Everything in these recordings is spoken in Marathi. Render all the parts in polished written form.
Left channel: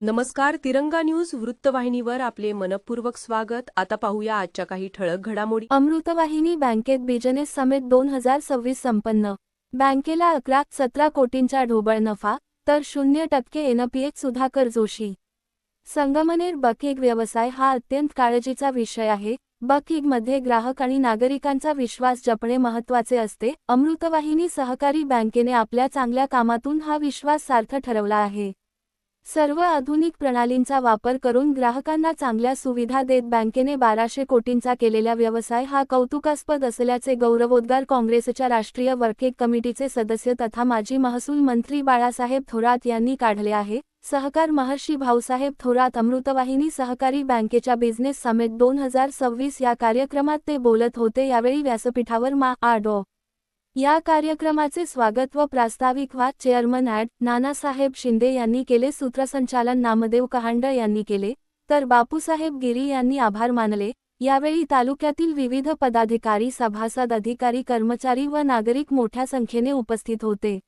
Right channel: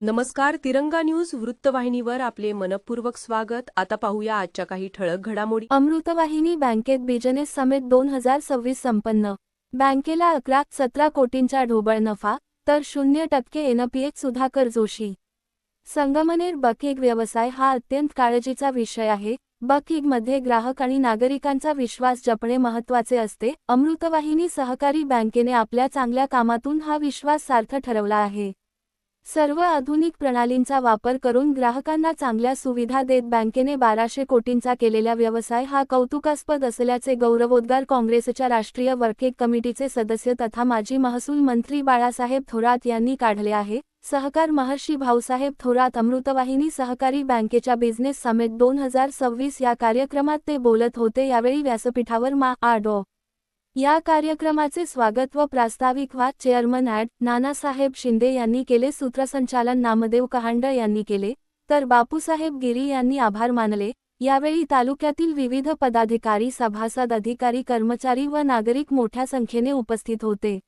नमस्कार. तिरंगा न्यूज वृत्तवाहिनीवर आपले मनपूर्वक स्वागत. आता पाहूया आजच्या काही ठळक घडामोडी. अमृतवाहिनी बँकेत बिझनेस समिट 2026 संपन्न. बँकेला 11-17 कोटींचा ढोबळ नफा, तर 0% एनपीए. सुधाकर जोशी. संगमनेर. बकिंग व्यवसाय हा अत्यंत काळजीचा विषय आहे. बकिंगमध्ये ग्राहक आणि नागरिकांचा विश्वास जपणे महत्त्वाचे असते. अमृतवाहिनी सहकारी बँकेने आपल्या चांगल्या कामातून हा विश्वास सार्थ ठरवला आहे. सर्व आधुनिक प्रणालींचा वापर करून ग्राहकांना चांगल्या सुविधा देत बँकेने 1200 कोटींचा केलेला व्यवसाय हा कौतुकास्पद असल्याचे गौरवोद्गार काँग्रेसच्या राष्ट्रीय वर्किंग कमिटीचे सदस्य तथा माजी महसूल मंत्री बाळासाहेब थोरात यांनी काढले आहे. सहकार महर्षी भाऊसाहेब थोरात. अमृतवाहिनी सहकारी बँकेच्या बिझनेस समिट 2026 या कार्यक्रमात ते बोलत होते. यावेळी व्यासपीठावर मा.डॉ. या कार्यक्रमाचे स्वागत व प्रास्ताविक चेअरमन नानासाहेब शिंदे यांनी केले. सूत्रसंचालन नामदेव कहांडळ यांनी केले, तर बापूसाहेब गिरी यांनी आभार मानले. यावेळी तालुक्यातील विविध पदाधिकारी, सभासद, अधिकारी, कर्मचारी व नागरिक मोठ्या संख्येने उपस्थित होते.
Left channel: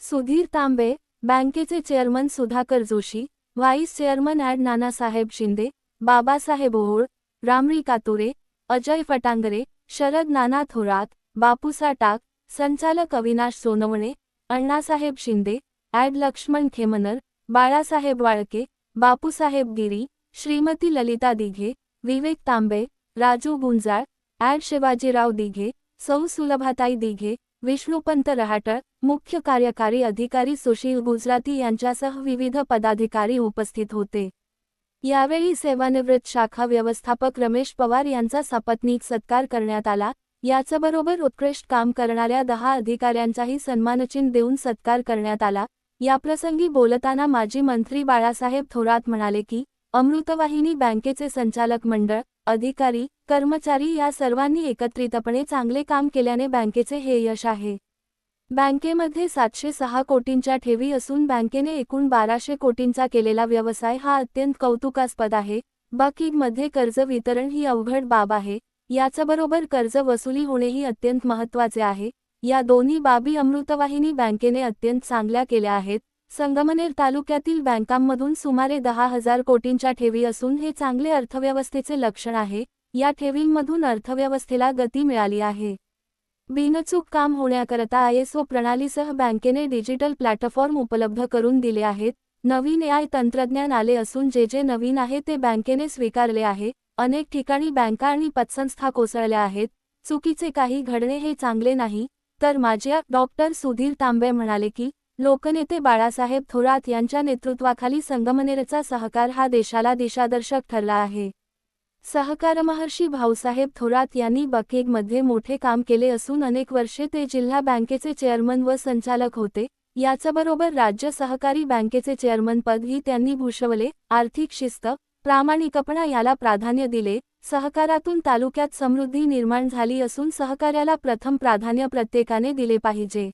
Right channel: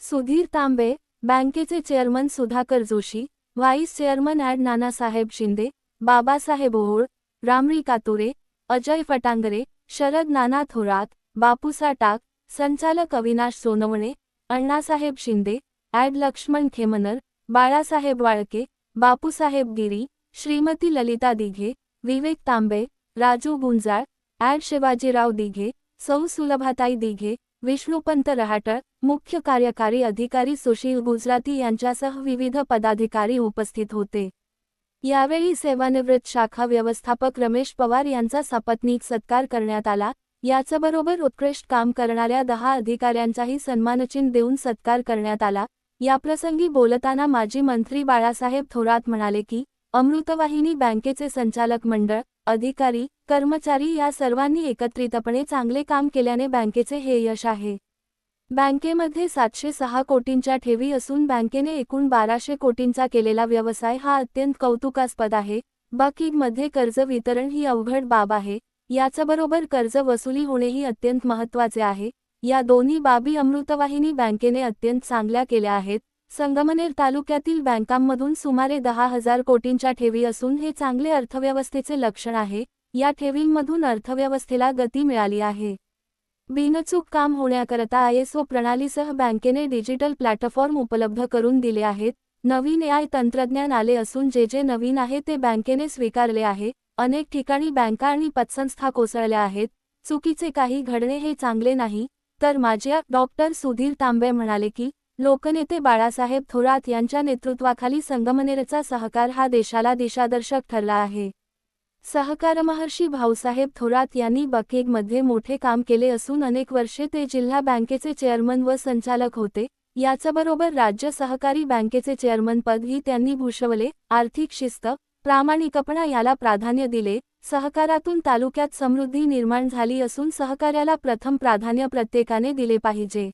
सुधीर तांबे. बँकेचे chairman Sudhakar Joshi, vice chairman Nanasaheb Shinde, Babasaheb Ohol, Ramri कातुरे, Ajay Phatangare, Sharad नाना थोरात, बापूसा टाक, संचालक अविनाश सोनवणे, अण्णासाहेब शिंदे, लक्ष्मण खेमनर, बाळासाहेब वाळके, बापूसाहेब गिरी, श्रीमती ललिता दिघे, विवेक तांबे, राजू गुंजाळ, शिवाजीराव दिघे, सौ सुलभाताई दिघे, विष्णुपंत रहाटळ, मुख्य कार्यकारी अधिकारी सुशील गुजराती यांच्यासह विविध पदाधिकारी उपस्थित होते. यावेळी सेवानिवृत्त शाखा व्यवस्थापक रमेश पवार यांचा सपत्नीक सत्कार करण्यात आला. याचबरोबर उत्कृष्ट काम करणाऱ्या 10 अधिकाऱ्यांचाही सन्मानचिन्ह देऊन सत्कार करण्यात आला. याप्रसंगी बोलताना माजी मंत्री बाळासाहेब थोरात म्हणाले की, अमृतवाहिनी बँकेचे संचालक मंडळ, अधिकारी, कर्मचारी या सर्वांनी एकत्रितपणे चांगले काम केल्याने बँकेचे हे यश आहे. बँकेमध्ये 706 कोटींच्या ठेवी असून बँकेने एकूण 1200 कोटींचा केलेला व्यवसाय हा अत्यंत कौतुकास्पद आहे. बकिंगमध्ये कर्ज वितरण ही अवघड बाब आहे. याचबरोबर कर्ज वसुली होणेही अत्यंत महत्त्वाचे आहे. या दोन्ही बाबी अमृतवाहिनी बँकेने अत्यंत चांगल्या केल्या आहेत. संगमनेर तालुक्यातील बँकांमधून सुमारे 10,000 कोटींच्या ठेवी असून हे चांगले अर्थव्यवस्थेचे लक्षण आहे. या ठेवींमधून अर्थव्यवस्थेला गती मिळाली आहे. बिनचूक काम होण्याकरता ISO प्रणालीसह बँकेने डिजिटल प्लॅटफॉर्म उपलब्ध करून दिले आहेत. नवीन AI तंत्रज्ञान आले असून जे नवीन आहे ते बँकेने स्वीकारले आहे. अनेक ठिकाणी बँका आणि पतसंस्था कोसळल्या आहेत. चुकीचे काही घडणे हे चांगले नाही. तर माजी डॉक्टर सुधीर तांबे म्हणाले की, लोकनेते बाळासाहेब थोरात यांच्या नेतृत्वाखाली संगमनेरचा सहकार हा देशाला दिशादर्शक ठरला आहे. सहकार महर्षी भाऊसाहेब थोरात यांनी बकिंगमध्ये मोठे काम केले असून अनेक वर्षे ते जिल्हा बँकेचे चेअरमन व संचालक होते. याचबरोबर राज्य सहकारी बँकेचे चेअरमनपदही त्यांनी भूषवले. आर्थिक शिस्त, प्रामाणिकपणा याला प्राधान्य दिले. सहकारातून तालुक्यात समृद्धी निर्माण झाली असून सहकार्याला प्रथम प्राधान्य प्रत्येकाने दिले पाहिजे.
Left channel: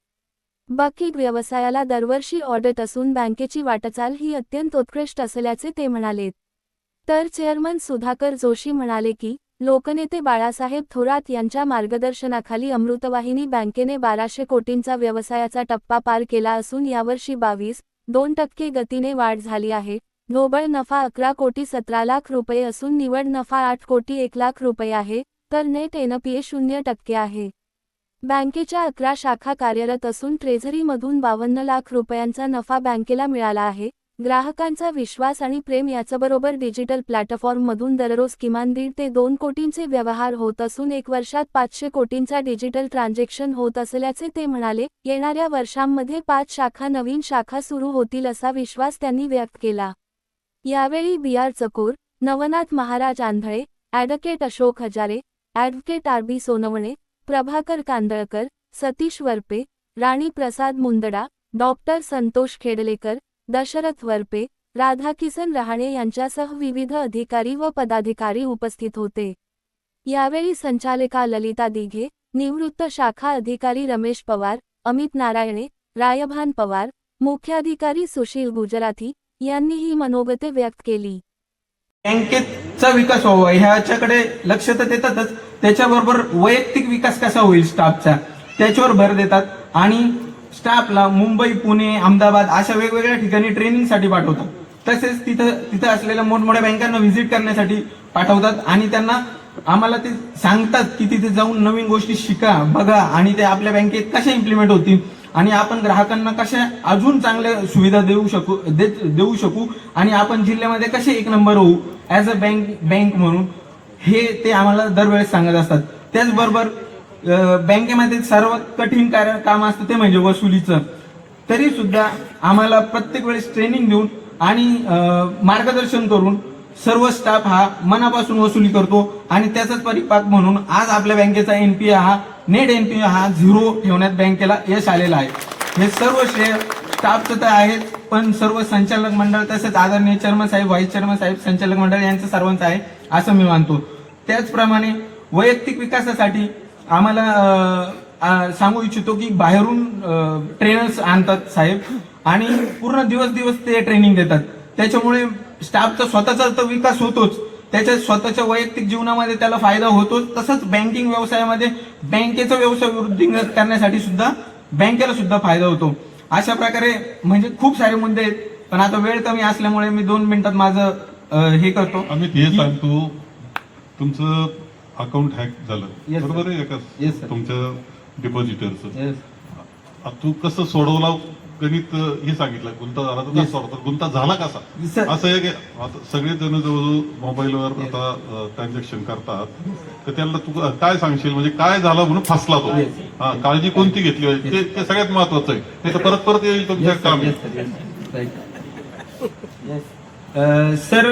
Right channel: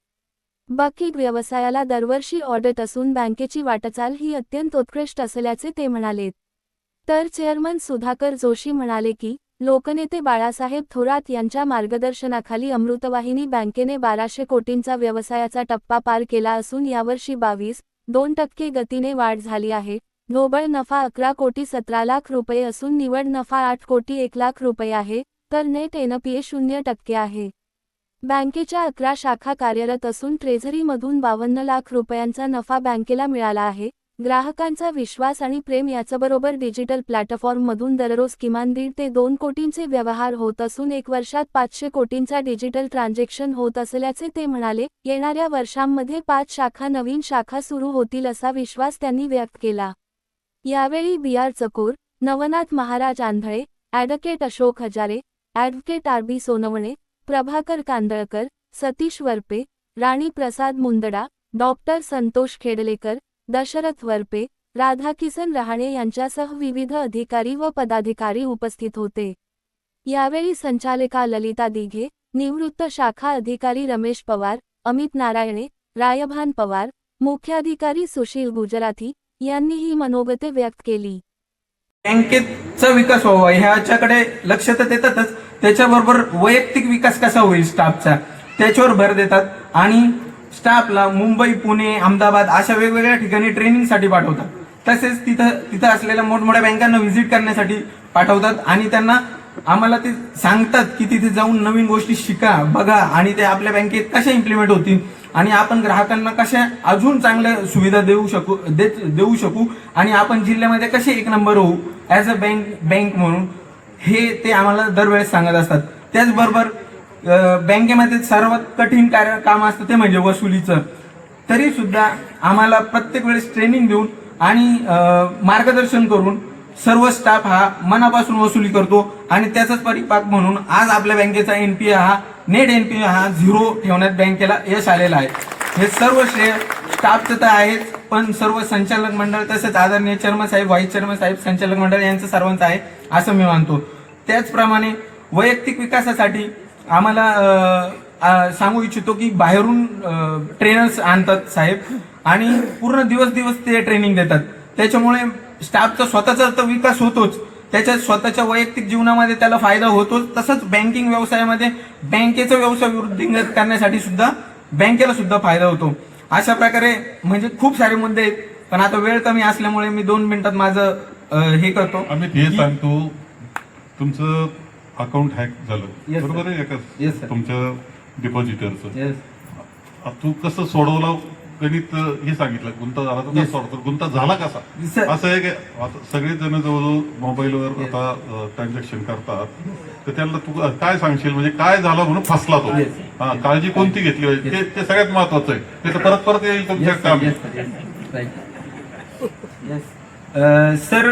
बकिंग व्यवसायाला दरवर्षी ऑडिट असून बँकेची वाटचाल ही अत्यंत उत्कृष्ट असल्याचे ते म्हणाले. तर चेअरमन सुधाकर जोशी म्हणाले की, लोकनेते बाळासाहेब थोरात यांच्या मार्गदर्शनाखाली अमृतवाहिनी बँकेने 1200 कोटींचा व्यवसायाचा टप्पा पार केला असून यावर्षी 22.2% गतीने वाढ झाली आहे. ढोबळ नफा 11 कोटी 17 लाख रुपये असून निव्वळ नफा 8 कोटी 1 लाख रुपये आहे, तर नेट एनपीए 0% आहे. बँकेच्या 11 शाखा कार्यरत असून ट्रेझरीमधून 52 लाख रुपयांचा नफा बँकेला मिळाला आहे. ग्राहकांचा विश्वास आणि प्रेम याचबरोबर डिजिटल प्लॅटफॉर्ममधून दररोज किमान 1.5 ते 2 कोटींचे व्यवहार होत असून 1 वर्षात 500 कोटींचा डिजिटल ट्रान्झॅक्शन होत असल्याचे ते म्हणाले. येणाऱ्या वर्षांमध्ये 5 शाखा नवीन शाखा सुरू होतील असा विश्वास त्यांनी व्यक्त केला. यावेळी BR Chakor, Navnath Maharaj Andhale, advocate Ashok Hazare, advocate RB Sonawane, Prabhakar Kandalkar, Satish Varpe, Rani Prasad Mundada, doctor Santosh Khedlekar, Dashrath Varpe, Radhakisan Rahane यांच्यासह विविध अधिकारी व पदाधिकारी उपस्थित होते. यावेळी संचालिका ललिता दिघे, निवृत्त शाखा अधिकारी रमेश पवार, अमित नारायणे, रायभान पवार, मुख्याधिकारी सुशील गुजराती यांनीही मनोगते व्यक्त केली. बँकेचा विकास व्हावा ह्याच्याकडे लक्ष तर देतातच, त्याच्याबरोबर वैयक्तिक विकास कसा होईल स्टाफचा त्याच्यावर भर देतात. आणि स्टाफला मुंबई, पुणे, अहमदाबाद अशा वेगवेगळ्या ठिकाणी ट्रेनिंगसाठी पाठवतात. तसेच तिथं असलेल्या मोठमोठ्या बँकांना व्हिजिट करण्यासाठी पाठवतात आणि त्यांना आम्हाला ते सांगतात की तिथे जाऊन नवीन गोष्टी शिका, बघा आणि ते आपल्या बँकेत कशा इम्प्लिमेंट होतील आणि आपण ग्राहकांना कशा अजून चांगल्या सुविधा देऊ शकू आणि आपण जिल्ह्यामध्ये कसे एक नंबर होऊ ऍज अ बँक म्हणून, हे ते आम्हाला दरवेळेस सांगत असतात. त्याचबरोबर बँकेमध्ये सर्वात कठीण काम असतं ते म्हणजे वसुलीचं. तरी सुद्धा आम्हाला प्रत्येक वेळेस ट्रेनिंग देऊन आणि मार्गदर्शन करून सर्व स्टाफ हा मनापासून वसुली करतो आणि त्याचाच परिपाक म्हणून आज आपल्या बँकेचा एनपीए हा नेट एनपीए हा 0 ठेवण्यात बँकेला यश आलेलं आहे. हे सर्व श्रेय स्टाफचं तर आहेच, पण सर्व संचालक मंडळ तसेच आदरणीय चेअरमन साहेब, व्हाईस चेअरमन साहेब, संचालक मंडळ यांचं सर्वांचं आहे असं मी मानतो. त्याचप्रमाणे वैयक्तिक विकासासाठी आम्हाला सांगू इच्छितो की बाहेरून ट्रेनर्स आणतात साहेब आणि पूर्ण दिवस ते ट्रेनिंग देतात. त्याच्यामुळे स्टाफचा स्वतःचा तर विकास होतोच, त्याच्या स्वतःच्या वैयक्तिक जीवनामध्ये त्याला फायदा होतोच. तसंच बँकिंग व्यवसायामध्ये बँकेचा व्यवसाय वृद्धिंगत करण्यासाठी सुद्धा बँकेला सुद्धा फायदा होतो. अशा प्रकारे म्हणजे खूप सारे मुद्दे आहेत, पण आता वेळ कमी असल्यामुळे मी 2 मिनिटात माझं हे करतो. आम्ही हे सांगतो, तुमचं अकाउंट हॅक झालं Yes, बरोबर आहे का? Yes, sir. तुमच्या डिपॉझिटरचं Yes. तू कसं सोडवलं गणित हे सांगितलं, गुंता झाला तर Yes. कसं सोडतो, गुंता झाला कसा? Sir. असं आहे की आता सगळेच जण जवळजवळ मोबाईलवर Yes. आता ट्रान्झॅक्शन करतात, तर त्यांना तू काय सांगशील म्हणजे काय झालं म्हणून फसला तो? Yes. हा, काळजी कोणती घेतली पाहिजे ते सगळ्यात महत्वाचं आहे. ते तर परत येईल तुमच्या काम. सर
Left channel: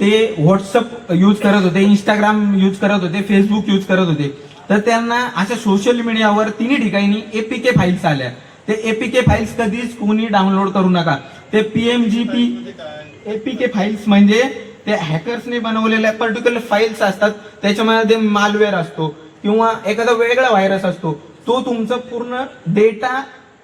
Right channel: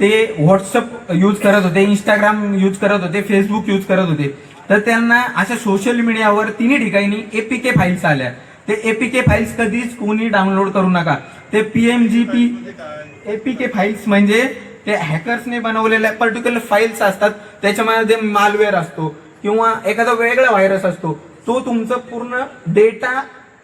ते व्हॉट्सअप यूज करत होते, इंस्टाग्राम यूज करत होते, फेसबुक यूज करत होते. तर त्यांना अशा सोशल मीडियावर तिन्ही ठिकाणी एपीके फाईल्स आल्या. ते एपीके फाईल्स कधीच कोणी डाउनलोड करू नका. ते पीएमजीपी एपीके फाईल्स म्हणजे ते हॅकर्सने बनवलेल्या पर्टिक्युलर फाईल्स असतात. त्याच्यामध्ये मालवेअर असतो किंवा एखादा वेगळा व्हायरस असतो, तो तुमचा पूर्ण डेटा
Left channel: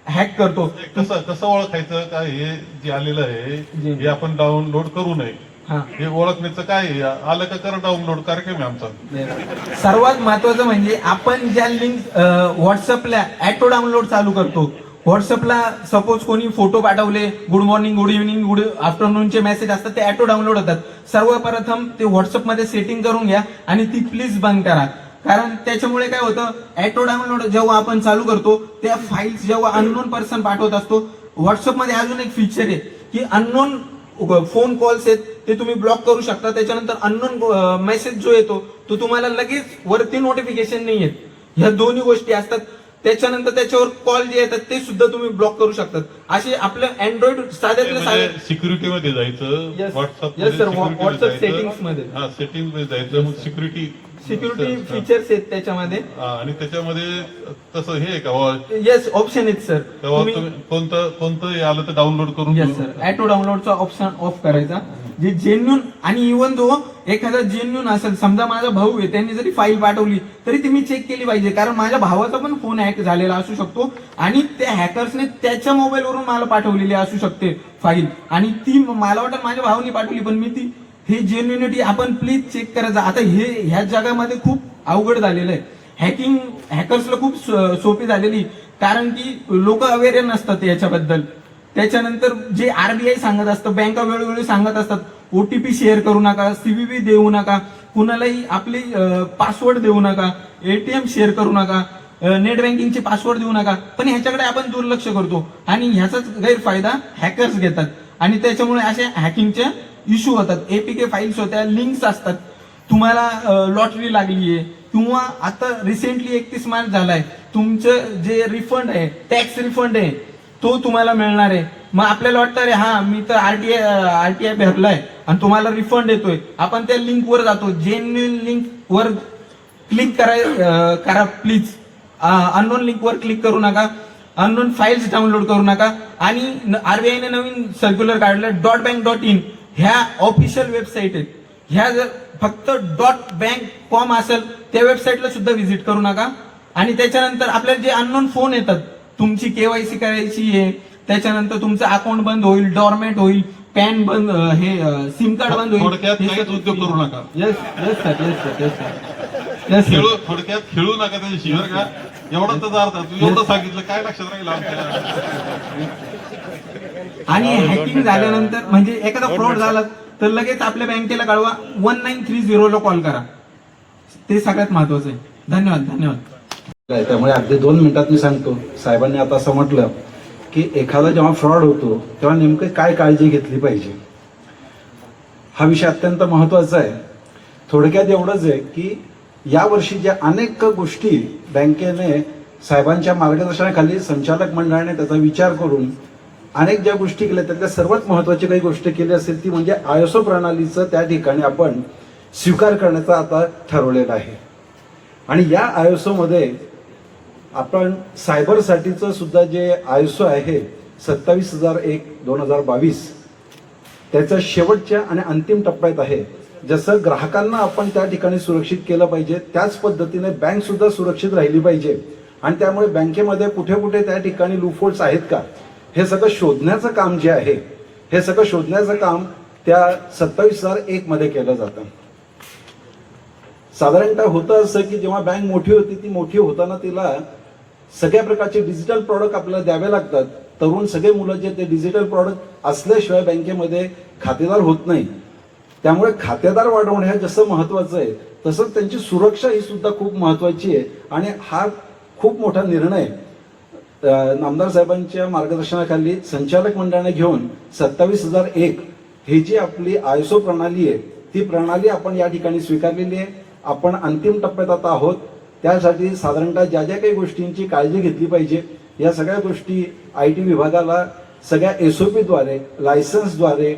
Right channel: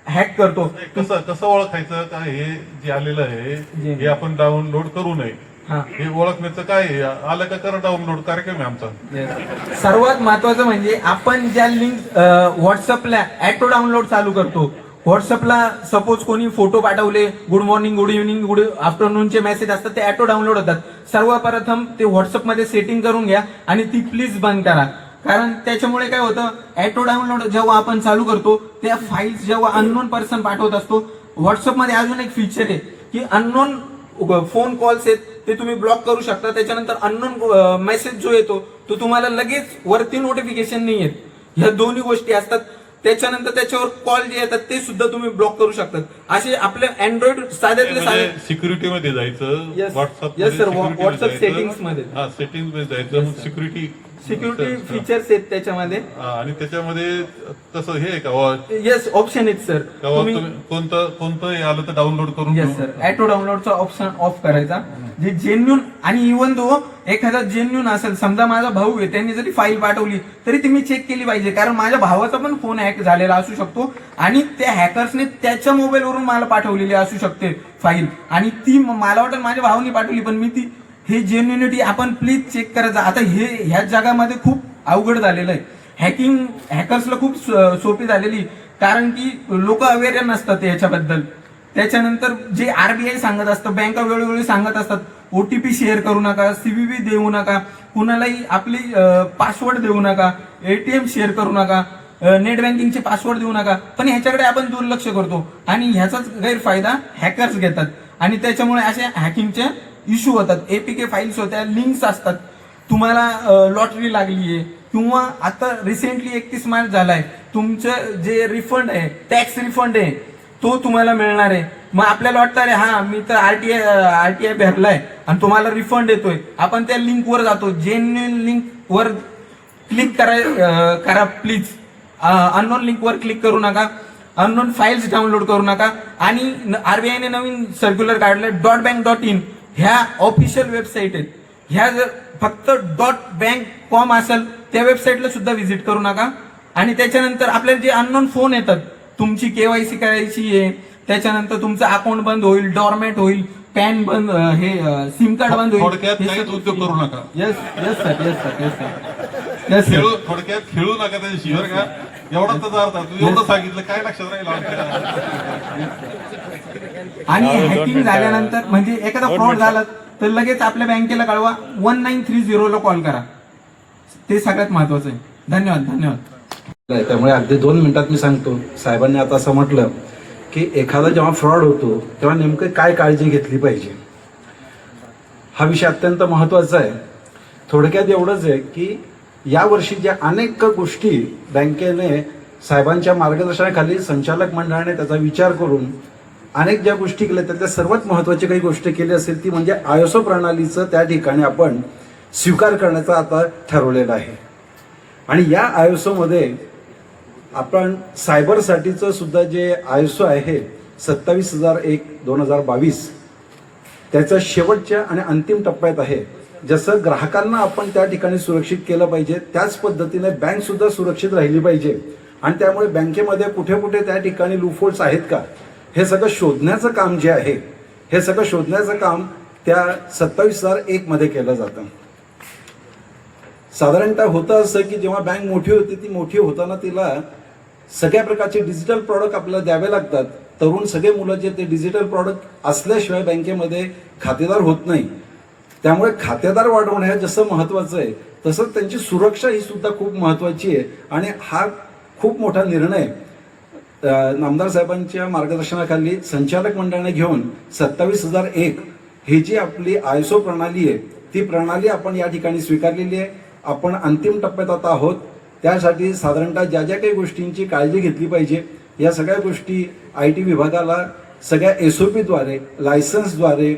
हॅक करतो. कसं ओळखायचं काय हे जे आलेलं आहे हे आपण डाउनलोड करू नये? हा. हे ओळखण्याचं काय आहे? आलं का कर डाउनलोड कार्यक्रम आहे आमचा. सर्वात महत्वाचं म्हणजे आपण ज्या लिंक व्हॉट्सअपला ऍटो डाउनलोड चालू करतो. व्हॉट्सअपला सपोज कोणी फोटो पाठवले, good morning, good evening, good आफ्टरनूनचे मेसेज असतात, ते ऍटो डाउनलोड होतात. सर्वप्रथम ते व्हॉट्सअपमध्ये सेटिंग करून घ्या आणि ती प्लीज बंद करा. कारण त्याच्यामुळे काय होतं, ऍटो डाउनलोड जेव्हा आपण चालू करतो त्या फाईल्स जेव्हा अननोन पर्सन पाठवत असतो, व्हॉट्सअपमध्ये अजून एक फीचर आहे की अननोन फोन कॉल्स आहेत ते तुम्ही ब्लॉक करू शकता. त्याच्यानंतर अननोन मेसेज जो येतो तो तुम्हाला लगेच वरती नोटिफिकेशन नाही येत. ह्या दोन्ही गोष्टी असतात. त्याच्यानंतर त्याच्यावर कॉल जे येतात ते सुद्धा तुम्ही ब्लॉक करू शकतात. असे आपलं अँड्रॉइड साध्यातले सिक्युरिटीमध्ये जायचं, Yes. WhatsApp Yes, sir. WhatsApp settings मध्ये. सेटिंग मध्ये जायचं, सिक्युरिटी फीचर्स आहेत त्याच्यामध्ये. आणि त्याच्यामध्ये तसं हे आहे का येस, ऑप्शन आहेत सर. तुम्ही कोणतं हे आलं तर डाउनलोड करून येस सर, ऍटो डाउनलोडचा ऑप्शन ऑफ करायचा. जे जेन्युन आणि इव्हन तो एखादा जेन्युन असेल, समजा माझा भाऊ आहे त्याने जरी फाईल पाठवली तरी ती मी चेक केली पाहिजे, कारण माझ्या भावाचा पण फोन हॅक झालेला असू शकतो आणि त्या हॅकर्सने त्याच्या मोबाईलवरून मला पाठवलेली असू शकते फाईल आणि ती मला वाटतं माझ्या भावाने पाठवली, पण मी ती हे जेन्युनिटी आपण प्लीज चेक करायचं. आता हे ह्या जगामध्ये खूप अवघड झालेलं आहे. हॅकिंग हॅकर्सला खूप सोपी झालेली, कारण की लोक अवेअर नसतात याच्याबद्दल. त्याच्यानंतर जे आरबीआय सांगत असतं, बँका वेळोवेळी सांगत असतात, ओटीपी शेअर करू नका, सीव्हीव्ही देऊ नका, कुणालाही आपली पासवर्ड देऊ नका, एटीएम शेअर करू नका, नेट बँकिंगचे पासवर्ड देऊ नका. पण ह्याच्याकडे आपण दुर्लक्ष करतो आणि ह्याचाच गैरफायदा हॅकर्स घेतात आणि त्याच्यामुळे असे हॅकिंगचे इश्यू होतात. एपीके फाईल्स होत्या, लिंक्स असतात, तुम्हाला लॉटरी लागली आहे किंवा आता रिसेंटली 31 मार्च झालाय, तुमचं जे रिफंड आहे, टॅक्स रिफंड आहे, तो तुम्हाला मिळणार आहे. मग आपल्याला वाटतं अरे हा मी तर आरटीआय भरलाय आणि तुम्हाला रिफंड येतोय. आपण त्या लिंकवर जातो, जेन्युइन लिंकवर क्लिक करा प्लीज. अननोन लिंकवर क्लिक करू नका, अननोन फाईल्स डाउनलोड करू नका. आणि आरबीआयने नवीन सर्क्युलर काढले .bank.in ह्या ऑफिशियल वेबसाईट आहेत. ह्या जर फक्त .bank.com असेल त्या वेबसाईटला सुद्धा व्हिजिट करू नका. आणि त्याच्यानंतर आपल्याला जे अननोन फोन येतात, तुमची केवायसी करायची आहे, त्याच्यानंतर तुमचं अकाउंट बंद होईल, डॉर्मेट होईल, पॅन बंद, हे सिम कार्ड बंद होईल. थोडक्यात काहीच उद्योग करू नका. Yes sir, yes sir, yes sir, yes sir. थोडक्यात खेळू नका त्याच्या शिवाय का एवढं तर अर्थ तू एवढं सांगितलं काय लक्षात राहील आमच्या. आणि हॅकिंग झाल्यानंतर म्हणजे एखादा फ्रॉड झाला तर लगेच आपल्या बँकेला कळवा, 1930 ला कॉल करा. ते सगळ्यात महत्वाचं आहे. धन्यवाद. धन्यवाद. त्यामुळे अगदी 2 मिनिटात मी सांगतो. साहेबांनी आता असं म्हटलं की एखादा जेव्हा फ्रॉड होतो तेव्हा नेमकं काय काळजी घेतली पाहिजे, हा विषय अत्यंत महत्वाचा आहे. थोडक्यात एवढंच आहे की यावर्षी ज्या अनेक गोष्टी बँकेने साहेबांच्या मार्गदर्शनाखाली संचालक मंडळाने त्याचा विचार करून अनेक ज्या गोष्टी केल्या त्यातल्या सर्वात महत्वाची काही गोष्ट केली असेल ती म्हणजे आयएसओ प्रणालीचं त्या ठिकाणी आपण स्वीकार करण्याचा आता ठरवलेला आहे. आणि या आयएसओ मध्ये आपण सायबरसाठीचं सुद्धा जे आयएसओ आहे 27,001/2022 त्याचा शेवटच्या आणि अंतिम टप्प्यात आहे. जसं ग्राहकांना आपण त्या ठिकाणी सुरक्षित केलं पाहिजे त्याच पद्धतीने बँक सुद्धा सुरक्षित राहिली पाहिजे. आणि त्यामुळे बँकेमध्ये कुठे कुठे त्या ठिकाणी लूपहोल्स आहेत का हे सगळं शोधण्याचं काम जे आहे हे सगळं शोधण्याचं काम त्या 27,001 मध्ये केलं जातं. साधारणतः होतं असं की जेव्हा बँक मोठी होती ती मोठी होताना तिला सगळ्या प्रकारचे डिजिटल प्रॉडक्ट आपल्याला द्यावे लागतात. तरुण सगळे मुलं जे ते डिजिटल प्रॉडक्ट असल्याशिवाय बँकेमध्ये खातेदार होत नाही. त्यामुळे खातेदार वाढवणं हे जसं महत्वाचं आहे तसंच त्यांची सुरक्षा ही सुद्धा खूप महत्वाची आहे. आणि हा खूप मोठा निर्णय नामदार साहेबांच्या मार्गदर्शनाखाली संचालक मंडळाने घेऊन 27,001 ही जी आपली आयएसओ प्रणाली आहे ती प्रणाली आपण या ठिकाणी स्वीकारलेली आहे. आपण अंतिम टप्प्यात आता आहोत. त्यासाठी साधारणतः ज्या ज्या काही गोष्टींची काळजी घेतली पाहिजे या सगळ्या गोष्टी आयटी विभागाला सगळ्या एसओपीद्वारे लायसन्सद्वारे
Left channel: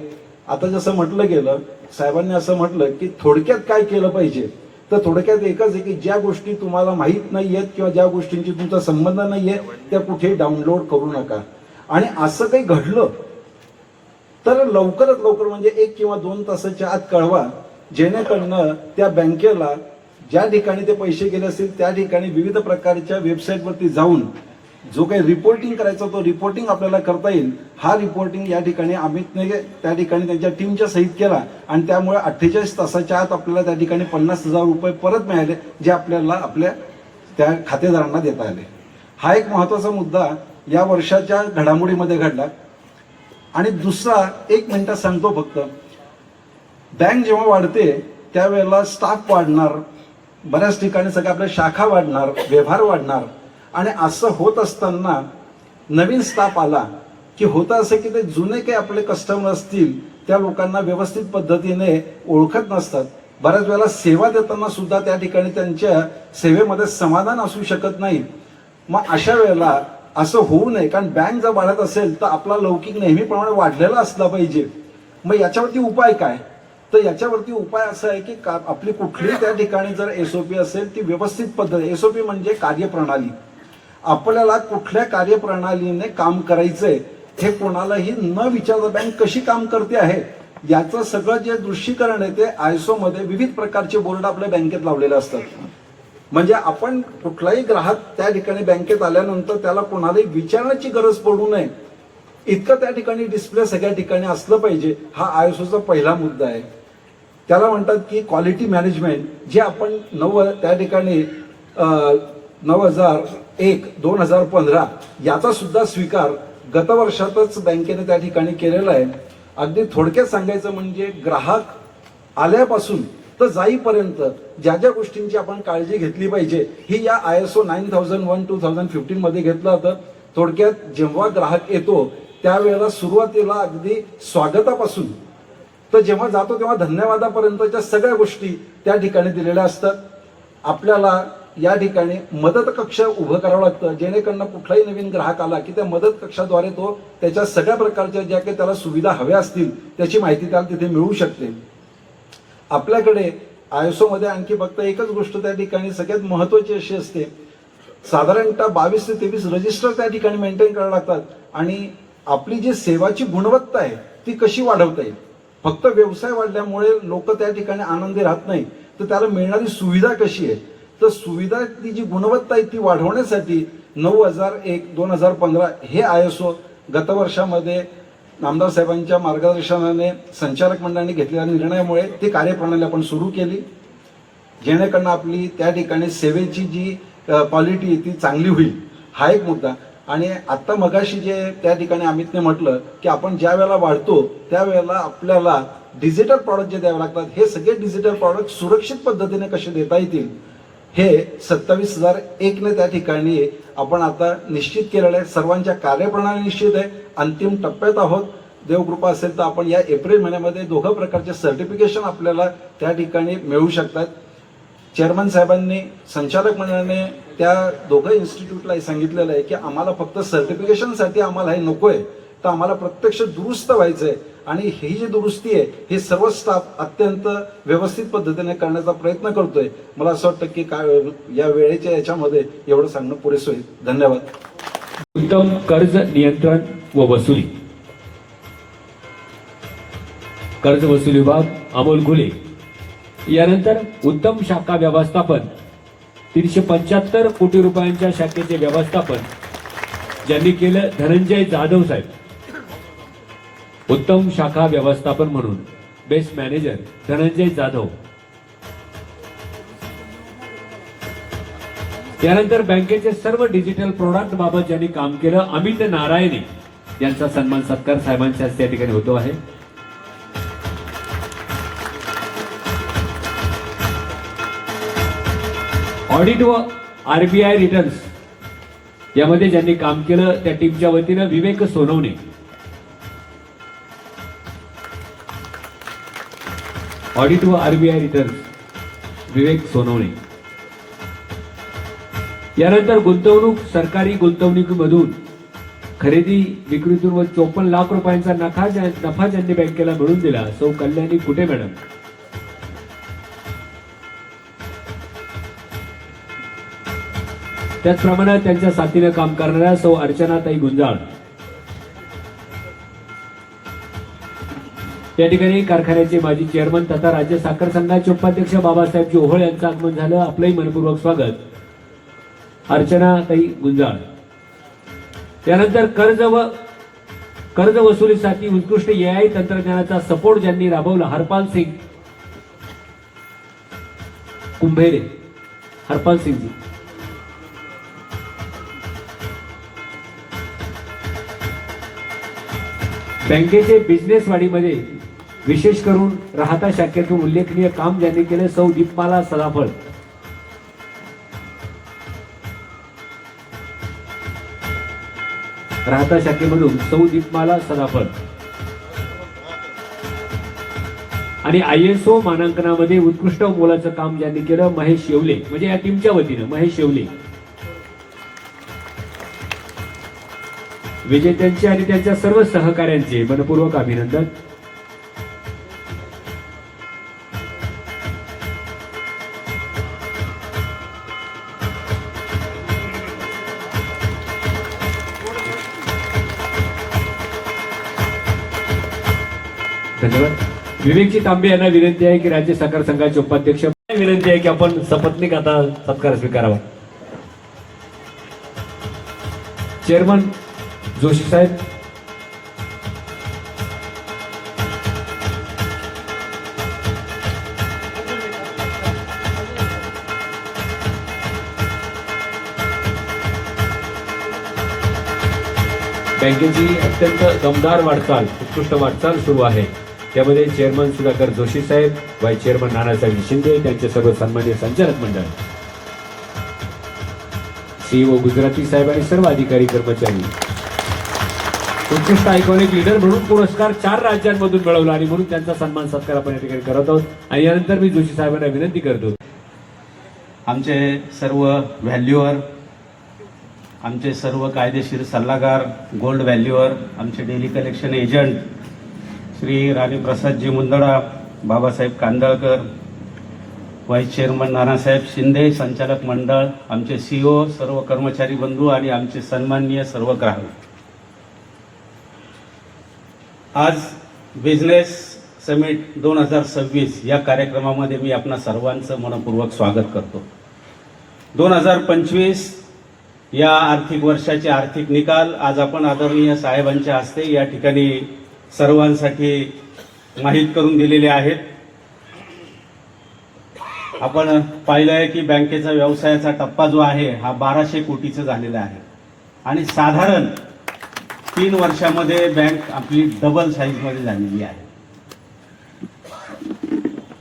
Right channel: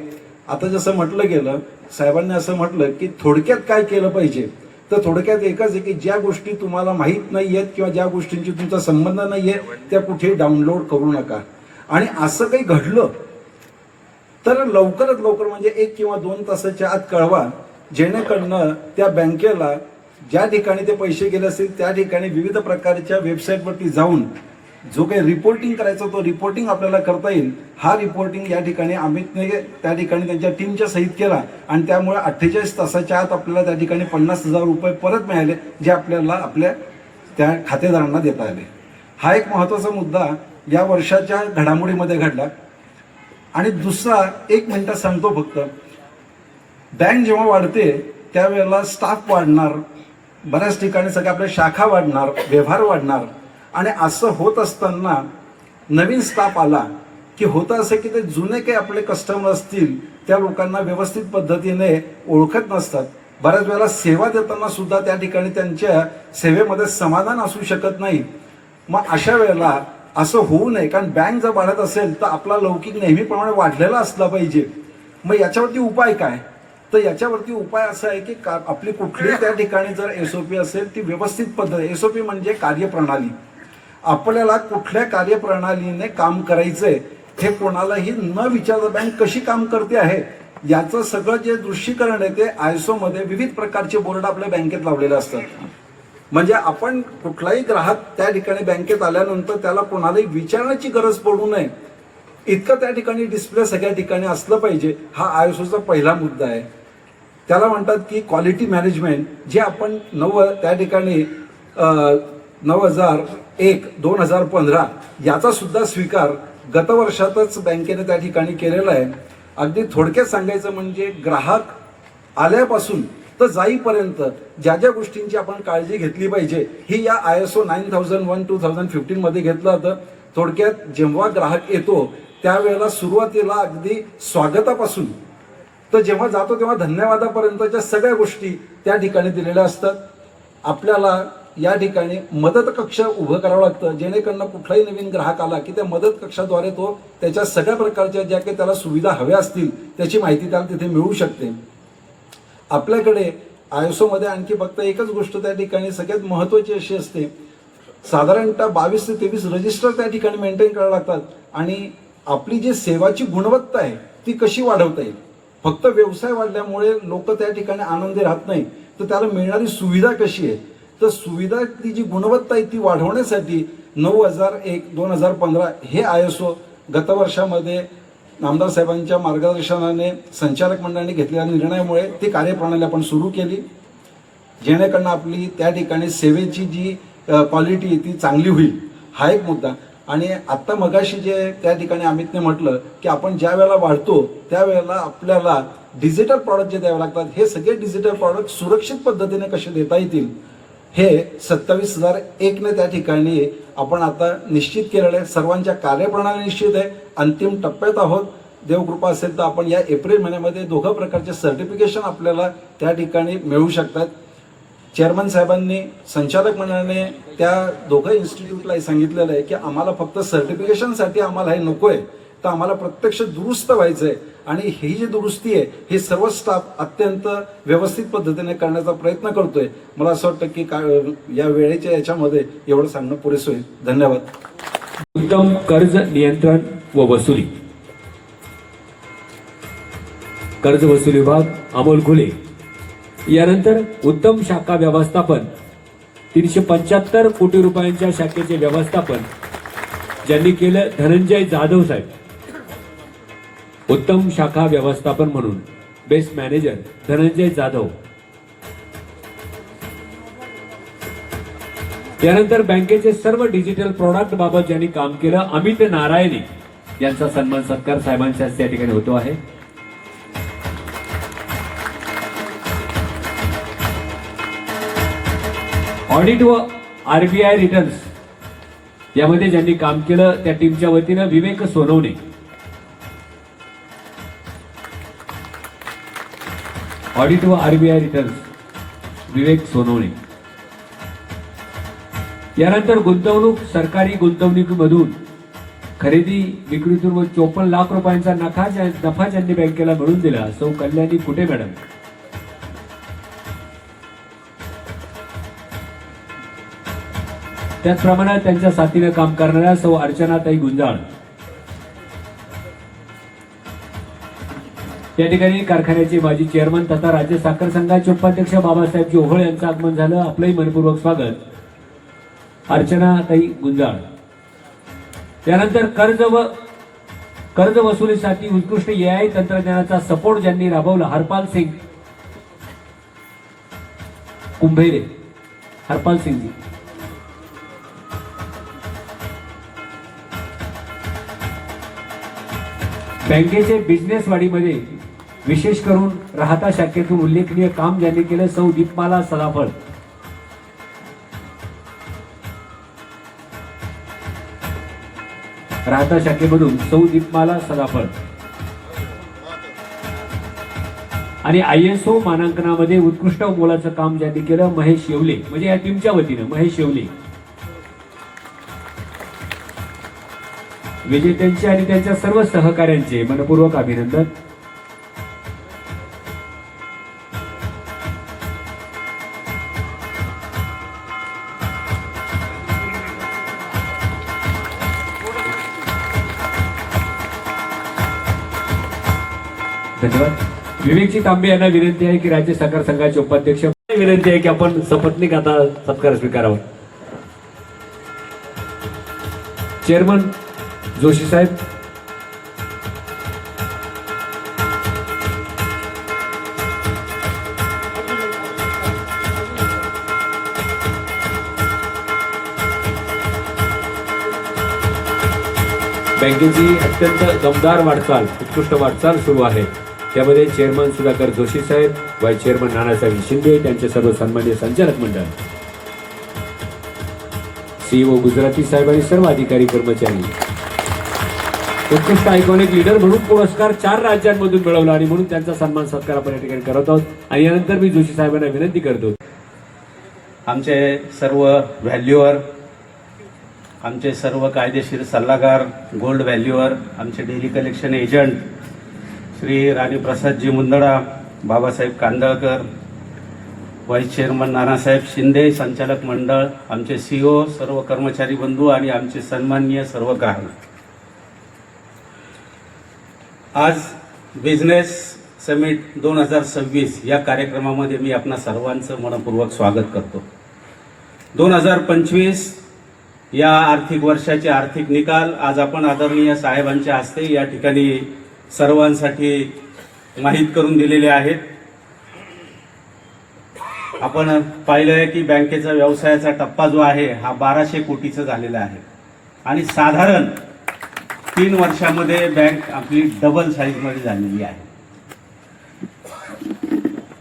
आता जसं म्हटलं गेलं साहेबांनी असं म्हटलं की थोडक्यात काय केलं पाहिजे तर थोडक्यात एकच आहे की ज्या गोष्टी तुम्हाला माहीत नाहीयेत किंवा ज्या गोष्टींची तुमचा संबंध नाहीये त्या कुठे डाउनलोड करू नका. आणि असं काही घडलं तर लवकरात लवकर म्हणजे 1 किंवा 2 तासाच्या आत कळवा जेणेकरून त्या बँकेला ज्या ठिकाणी ते पैसे गेले असतील त्या ठिकाणी विविध प्रकारच्या वेबसाईटवरती जाऊन जो काही रिपोर्टिंग करायचा तो रिपोर्टिंग आपल्याला करता येईल. हा रिपोर्टिंग या ठिकाणी अमितने त्या ठिकाणी त्यांच्या टीमच्या सहित केला आणि त्यामुळे 48 तासाच्या आत आपल्याला त्या ठिकाणी 50,000 रुपये परत मिळाले जे आपल्याला आपल्या त्या खातेदारांना देता आले. हा एक महत्वाचा मुद्दा या वर्षाच्या घडामोडीमध्ये घडला. आणि दुसरा 1 मिनिटात सांगतो फक्त, बँक जेव्हा वाढते त्यावेळेला स्टाफ वाढणार, बऱ्याच ठिकाणी सगळ्या आपल्या शाखा वाढणार, व्यवहार वाढणार. आणि असं होत असताना नवीन स्टाफ आला की होतं असं की ते जुने काही आपले कस्टमर असतील त्या लोकांना व्यवस्थित पद्धतीने ओळखत नसतात. बऱ्याच वेळेला सेवा देताना सुद्धा त्या ठिकाणी त्यांच्या सेवेमध्ये समाधान असू शकत नाही. मग अशा वेळेला असं होऊ नये, कारण बँक जर वाढत असेल तर आपला लौकिक नेहमीप्रमाणे वाढलेला असला पाहिजे. मग याच्यावरती उपाय काय तर याच्यावरती उपाय असा आहे की आपली कुठलीही त्या ठिकाणी जर एसओपी असेल ती व्यवस्थित पद्धत, एसओपी म्हणजे कार्यप्रणाली, आपल्याला कुठल्या कार्यप्रणालीने काम करायचंय हे कोणालाही न विचारता बँक कशी काम करते आहे याचं सगळं जे दृश्यीकरण आहे ते आयएसओ मध्ये विविध प्रकारचे बोर्ड आपल्या बँकेत लावलेले असतात. म्हणजे आपण कुठलाही ग्राहक त्या ठिकाणी बँकेत आल्यानंतर त्याला कोणालाही विचारण्याची गरज पडू नये इतकं त्या ठिकाणी डिस्प्ले सगळ्या ठिकाणी असलं पाहिजे. हा आयएसओचा पहिला मुद्दा आहे. त्याला म्हणतात की क्वालिटी मॅनेजमेंट, जे आपण त्या ठिकाणी 9001/2015 याचा सुद्धा स्वीकार गत वर्षातच बँकेने त्या ठिकाणी केलेला आहे. अगदी थोडक्यात सांगायचं म्हणजे ग्राहक आल्यापासून तर जाईपर्यंत ज्या ज्या गोष्टींची आपण काळजी घेतली पाहिजे ही या आयएसओ 9001/2015 मध्ये घेतलं होतं. थोडक्यात जेव्हा ग्राहक येतो त्यावेळेला सुरुवातीला अगदी स्वागतापासून तर जेव्हा जातो तेव्हा धन्यवादापर्यंतच्या सगळ्या गोष्टी त्या ठिकाणी दिलेल्या असतात. आपल्याला या ठिकाणी मदत कक्ष उभं करावं लागतं जेणेकरून कुठलाही नवीन ग्राहक आला की त्या मदत कक्षाद्वारे तो त्याच्या सगळ्या प्रकारच्या ज्या काही त्याला सुविधा हव्या असतील त्याची माहिती त्याला तिथे मिळू शकते. आपल्याकडे आयएसओ मध्ये आणखी फक्त एकच गोष्ट त्या ठिकाणी सगळ्यात महत्वाची अशी असते, साधारणतः 22 ते 23 रजिस्टर त्या ठिकाणी मेंटेन करावे लागतात. आणि आपली जी सेवाची गुणवत्ता आहे ती कशी वाढवता येईल. फक्त व्यवसाय वाढल्यामुळे लोक त्या ठिकाणी आनंदी राहत नाही, तर त्याला मिळणारी सुविधा कशी आहे तर सुविधा ती जी गुणवत्ता आहे ती वाढवण्यासाठी 9001/2015 हे आयएसओ गत वर्षामध्ये नामदार साहेबांच्या मार्गदर्शनाने संचालक मंडळाने घेतलेल्या निर्णयामुळे ती कार्यप्रणाली आपण सुरू केली जेणेकरून आपली त्या ठिकाणी सेवेची जी क्वालिटी ती चांगली होईल. हा एक मुद्दा. आणि आत्ता मगाशी जे त्या ठिकाणी अमितने म्हटलं की आपण ज्या वेळेला वाढतो त्यावेळेला आपल्याला डिजिटल प्रॉडक्ट जे द्यावे लागतात, हे सगळे डिजिटल प्रॉडक्ट सुरक्षित पद्धतीने कसे देता येतील हे 27,001ने त्या ठिकाणी आपण आता निश्चित केलेलं आहे. सर्वांच्या कार्यप्रणाली निश्चित आहे. अंतिम टप्प्यात आहोत. देवकृपा असेल तर आपण या एप्रिल महिन्यामध्ये दोघं प्रकारचे सर्टिफिकेशन आपल्याला त्या ठिकाणी मिळू शकतात. चेअरमन साहेबांनी, संचालक मंडळाने त्या दोघं इन्स्टिट्यूटला सांगितलेलं आहे की आम्हाला फक्त सर्टिफिकेशनसाठी आम्हाला हे नकोय, तर आम्हाला प्रत्यक्ष दुरुस्त व्हायचंय आणि ही जी दुरुस्ती आहे हे सर्व स्टाफ अत्यंत व्यवस्थित पद्धतीने करण्याचा प्रयत्न करतोय. मला असं वाटतं की या वेळेच्या याच्यामध्ये एवढं सांगणं पुरेसं होईल. धन्यवाद. उत्तम कर्ज नियंत्रण व वसुली, कर्ज वसुली विभाग अमोल घुले. यानंतर उत्तम शाखा व्यवस्थापन, 375 कोटी रुपयांच्या शाखेचे व्यवस्थापन ज्यांनी केलं धनंजय जाधव साहेब. उत्तम शाखा व्यवस्थापन म्हणून बेस्ट मॅनेजर धनंजय जाधव. त्यानंतर बँकेचे सर्व डिजिटल प्रोडक्ट बाबत ज्यांनी काम केलं अमित नारायणे यांचा सन्मान सत्कार साहेबांच्या हस्ते या ठिकाणी होतो आहे. ऑडिट व आरबीआय रिटर्न्स यामध्ये ज्यांनी काम केलं त्या टीमच्या वतीनं विवेक सोनवणे. ऑडिट व आरबीआय रिटर्न्स विवेक सोनवणे. यानंतर गुंतवणूक, सरकारी गुंतवणुकीमधून खरेदी विक्रीतून व 54 लाख रुपयांचा नफा ज्यांनी बँकेला मिळवून दिला सौ कल्याणी कुठे मॅडम. त्याचप्रमाणे त्यांच्या साथीनं काम करणाऱ्या सौ अर्चनाताई गुंजाळ. या ठिकाणी कारखान्याचे माजी चेअरमन तथा राज्य साखर संघाचे उपाध्यक्ष बाबासाहेब ओहोळ यांचं आगमन झालं. आपलंही मनपूर्वक स्वागत. अर्चनाताई गुंजाळ. त्यानंतर कर्ज वसुलीसाठी उत्कृष्ट एआय तंत्रज्ञानाचा सपोर्ट ज्यांनी राबवला हरपाल सिंग कुंभेरे. हरपाल सिंगजी. बँकेचे बिझनेस वाढीमध्ये विशेष करून राहता शाखेतून उल्लेखनीय काम ज्यांनी केलं सौ दीपमाला सदाफळ. राहता शाखेमधून सौ दीपमाला सदाफळ. आणि ISO मानांकनामध्ये उत्कृष्ट मोलाचं काम ज्यांनी केलं महेश शेवले, म्हणजे या टीमच्या वतीनं महेश शेवले. विजेत्यांचे आणि त्यांच्या सर्व सहकाऱ्यांचे मनपूर्वक अभिनंदन. धन्यवाद. विवेकजी तांबे यांना विनंती आहे की राज्य सहकार संघाचे उपाध्यक्ष विनंती आहे की आपण सपत्नीक आता सत्कार स्वीकारावा. चेअरमन जोशी साहेब. बँकेची अत्यंत दमदार वाटचाल, उत्कृष्ट वाटचाल सुरू आहे. त्यामध्ये चेअरमन सुधाकर जोशी साहेब, व्हाईस चेअरमन नानासाहेब शिंदे, त्यांचे सर्व सन्माननीय संचालक मंडळ, CEO गुजराती साहेब आणि सर्व अधिकारी कर्मचारी. उत्कृष्ट आयकॉनिक लीडर म्हणून पुरस्कार 4 राज्यांमधून मिळवला आणि म्हणून त्यांचा सन्मान सत्कार आपण या ठिकाणी करत आहोत. आणि यानंतर मी जोशी साहेबांना विनंती करतो. आमचे सर्व व्हॅल्यूअर, आमचे सर्व कायदेशीर सल्लागार, गोल्ड व्हॅल्यूअर, आमचे daily collection agent Shri Raniprasadji Mundada, Babasaheb Kandalkar, vice chairman Nanasaheb Shinde, संचालक मंडळ, आमचे CEO, सर्व कर्मचारी बंधू आणि आमचे सन्माननीय सर्व ग्राहक. आज बिझनेस समिट 2026 या कार्यक्रमामध्ये मी आपणा सर्वांचं मनपूर्वक स्वागत करतो. 2025 या आर्थिक वर्षाचे आर्थिक निकाल आज आपण आदरणीय साहेबांच्या हस्ते या ठिकाणी सर्वांसाठी माहीत करून दिलेले आहेत. आपण पाहिलं आहे की बँकेचा व्यवसायाचा टप्पा जो आहे हा 1200 कोटीचा झालेला आहे. आणि साधारण 3 वर्षामध्ये बँक आपली डबल साईजमध्ये झालेली आहे.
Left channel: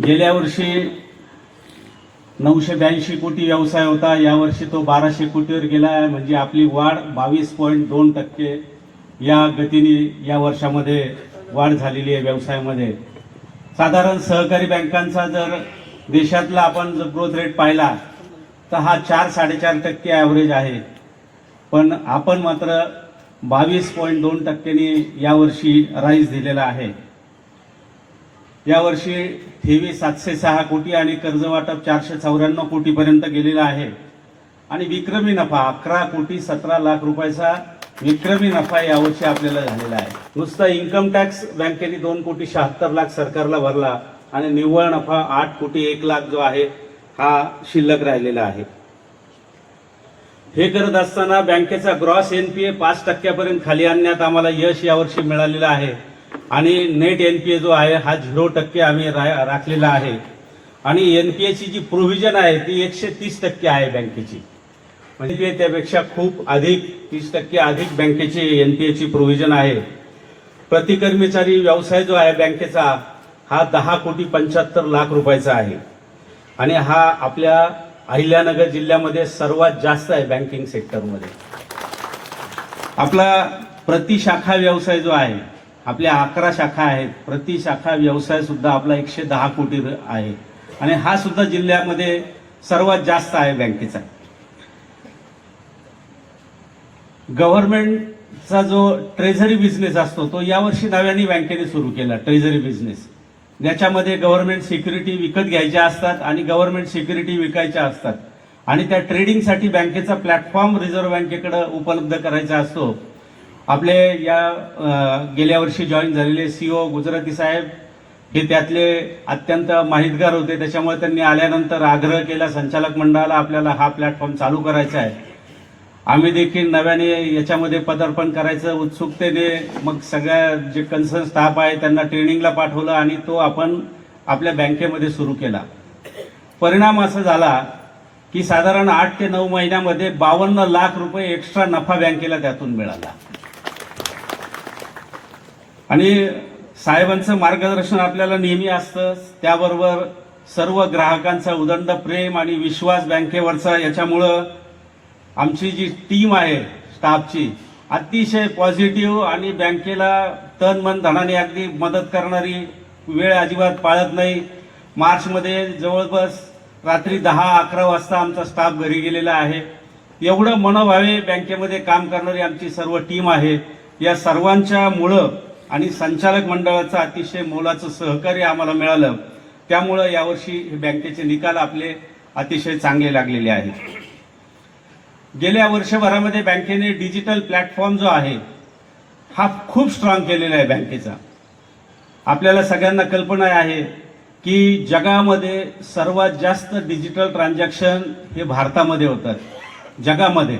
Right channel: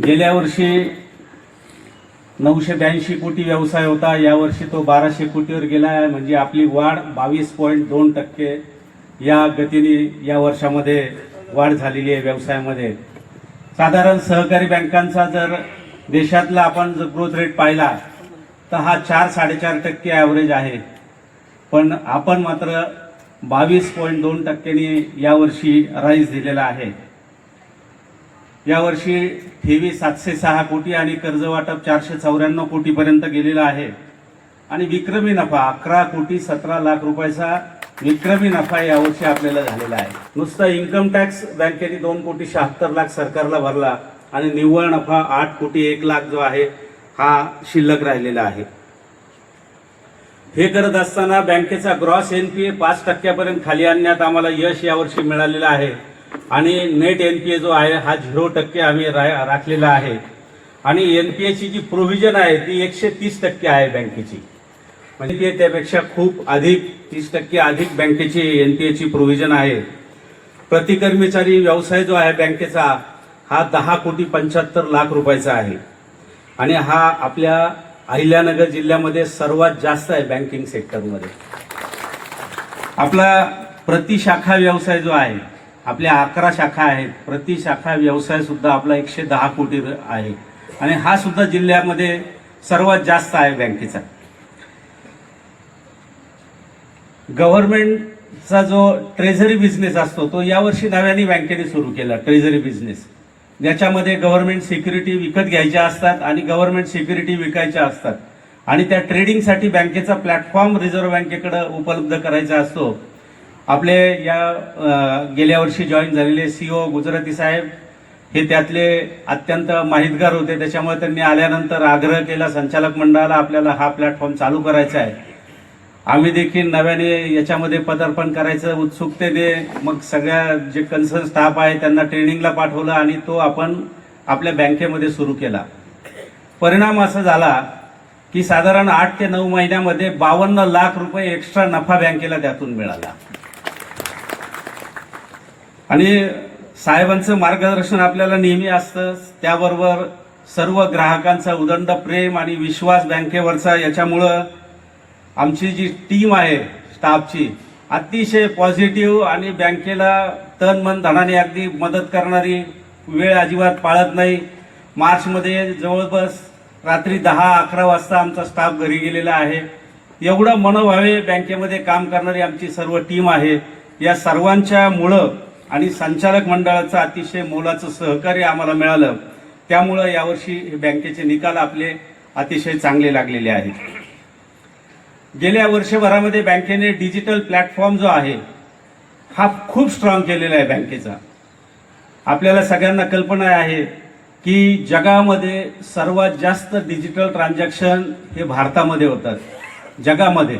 गेल्या वर्षी 982 कोटी व्यवसाय होता, यावर्षी तो 1200 कोटीवर गेला आहे. म्हणजे आपली वाढ 22.2% या गतीने या वर्षामध्ये वाढ झालेली आहे व्यवसायामध्ये. साधारण सहकारी बँकांचा जर देशातला आपण जर ग्रोथ रेट पाहिला तर हा 4-4.5% ॲव्हरेज आहे, पण आपण मात्र 22.2% यावर्षी राईज दिलेला आहे. यावर्षी ठेवी 706 कोटी आणि कर्ज वाटप 494 कोटीपर्यंत गेलेलं आहे. आणि विक्रमी नफा 11 कोटी 17 लाख रुपयाचा विक्रमी नफा यावर्षी आपल्याला झालेला आहे. नुसता इन्कम टॅक्स बँकेने 2 कोटी 76 लाख सरकारला भरला आणि निव्वळ नफा 8 कोटी 1 लाख जो आहे हा शिल्लक राहिलेला आहे. हे करत असताना बँकेचा ग्रॉस एनपीए 5% खाली आणण्यात आम्हाला यश यावर्षी मिळालेलं आहे आणि नेट एनपीए जो आहे हा 0% आम्ही राखलेला आहे. आणि एनपीएची जी प्रोव्हिजन आहे ती 130% आहे बँकेची. म्हणजे त्यापेक्षा खूप अधिक 30% अधिक बँकेची एनपीएची प्रोव्हिजन आहे. प्रति कर्मचारी व्यवसाय जो आहे बँकेचा हा 10 कोटी 75 लाख रुपयाचा आहे आणि हा आपल्या अहिल्यानगर जिल्ह्यामध्ये सर्वात जास्त आहे बँकिंग सेक्टरमध्ये. आपला प्रति शाखा व्यवसाय जो आहे, आपल्या 11 शाखा आहेत, प्रति शाखा व्यवसाय सुद्धा आपला 110 कोटी आहे आणि हा सुद्धा जिल्ह्यामध्ये सर्वात जास्त आहे बँकेचा. गव्हर्नमेंटचा जो ट्रेझरी बिझनेस असतो तो यावर्षी नव्याने बँकेने सुरू केला. ट्रेझरी बिझनेस ज्याच्यामध्ये गव्हर्नमेंट सिक्युरिटी विकत घ्यायच्या असतात आणि गव्हर्नमेंट सिक्युरिटी विकायच्या असतात आणि त्या ट्रेडिंगसाठी बँकेचा प्लॅटफॉर्म रिझर्व्ह बँकेकडे उपलब्ध करायचा असतो. आपले या गेल्या वर्षी जॉईन झालेले सीओ गुजराती साहेब हे त्यातले अत्यंत माहितगार होते. त्याच्यामुळे त्यांनी आल्यानंतर आग्रह केला संचालक मंडळाला आपल्याला हा प्लॅटफॉर्म चालू करायचा आहे. आम्ही देखील नव्याने याच्यामध्ये पदार्पण करायचं उत्सुकतेने मग सगळ्या जे कन्सर्न स्टाफ आहे त्यांना ट्रेनिंगला पाठवलं आणि तो आपण आपल्या बँकेमध्ये सुरू केला. परिणाम असा झाला की साधारण 8 ते 9 महिन्यामध्ये 52 लाख रुपये एक्स्ट्रा नफा बँकेला त्यातून मिळाला. आणि साहेबांचं मार्गदर्शन आपल्याला नेहमी असतं, त्याबरोबर सर्व ग्राहकांचा उदंड प्रेम आणि विश्वास बँकेवरचा. याच्यामुळं आमची जी टीम आहे स्टाफची अतिशय पॉझिटिव्ह आणि बँकेला तन मन धनाने अगदी मदत करणारी, वेळ अजिबात पाळत नाही. मार्चमध्ये जवळपास रात्री 10-11 वाजता आमचा स्टाफ घरी गेलेला आहे. एवढं मनोभावे बँकेमध्ये काम करणारी आमची सर्व टीम आहे. या सर्वांच्या मुळं आणि संचालक मंडळाचं अतिशय मोलाचं सहकार्य आम्हाला मिळालं. त्यामुळं यावर्षी बँकेचे निकाल आपले अतिशय चांगले लागलेले आहेत. गेल्या वर्षभरामध्ये बँकेने डिजिटल प्लॅटफॉर्म जो आहे हा खूप स्ट्रॉंग केलेला आहे बँकेचा. आपल्याला सगळ्यांना कल्पना आहे की जगामध्ये सर्वात जास्त डिजिटल ट्रान्झॅक्शन हे भारतामध्ये होतात जगामध्ये.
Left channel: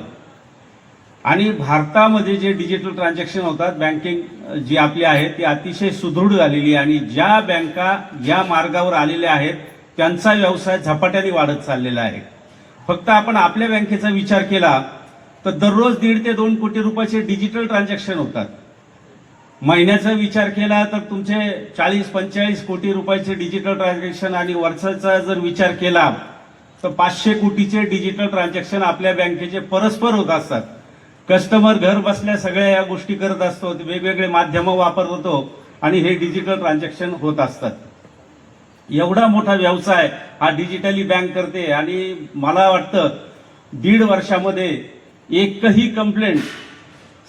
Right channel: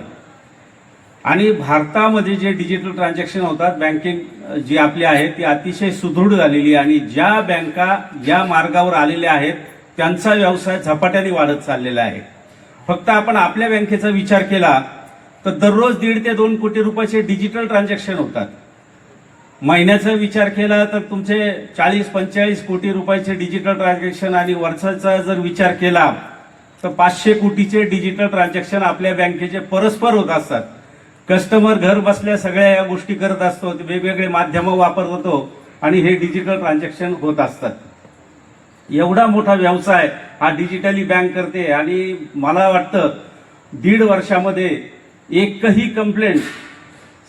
आणि भारतामध्ये जे डिजिटल ट्रान्झॅक्शन होतात बँकिंग जी आपली आहे ती अतिशय सुदृढ झालेली आहे आणि ज्या बँका या मार्गावर आलेल्या आहेत त्यांचा व्यवसाय झपाट्याने वाढत चाललेला आहे. फक्त आपण आपल्या बँकेचा विचार केला तर दररोज 1.5 ते 2 कोटी रुपयाचे डिजिटल ट्रान्झॅक्शन होतात. महिन्याचा विचार केला तर तुमचे 40-45 कोटी रुपयाचे डिजिटल ट्रान्झॅक्शन आणि वर्षाचा जर विचार केला तर 500 कोटीचे डिजिटल ट्रान्झॅक्शन आपल्या बँकेचे परस्पर होत असतात. कस्टमर घर बसल्या सगळ्या या गोष्टी करत असतो, वेगवेगळे माध्यमं वापरत होतो आणि हे डिजिटल ट्रान्झॅक्शन होत असतात. एवढा मोठा व्यवसाय हा डिजिटली बँक करते आणि मला वाटतं 1.5 वर्षामध्ये एकही कंप्लेंट,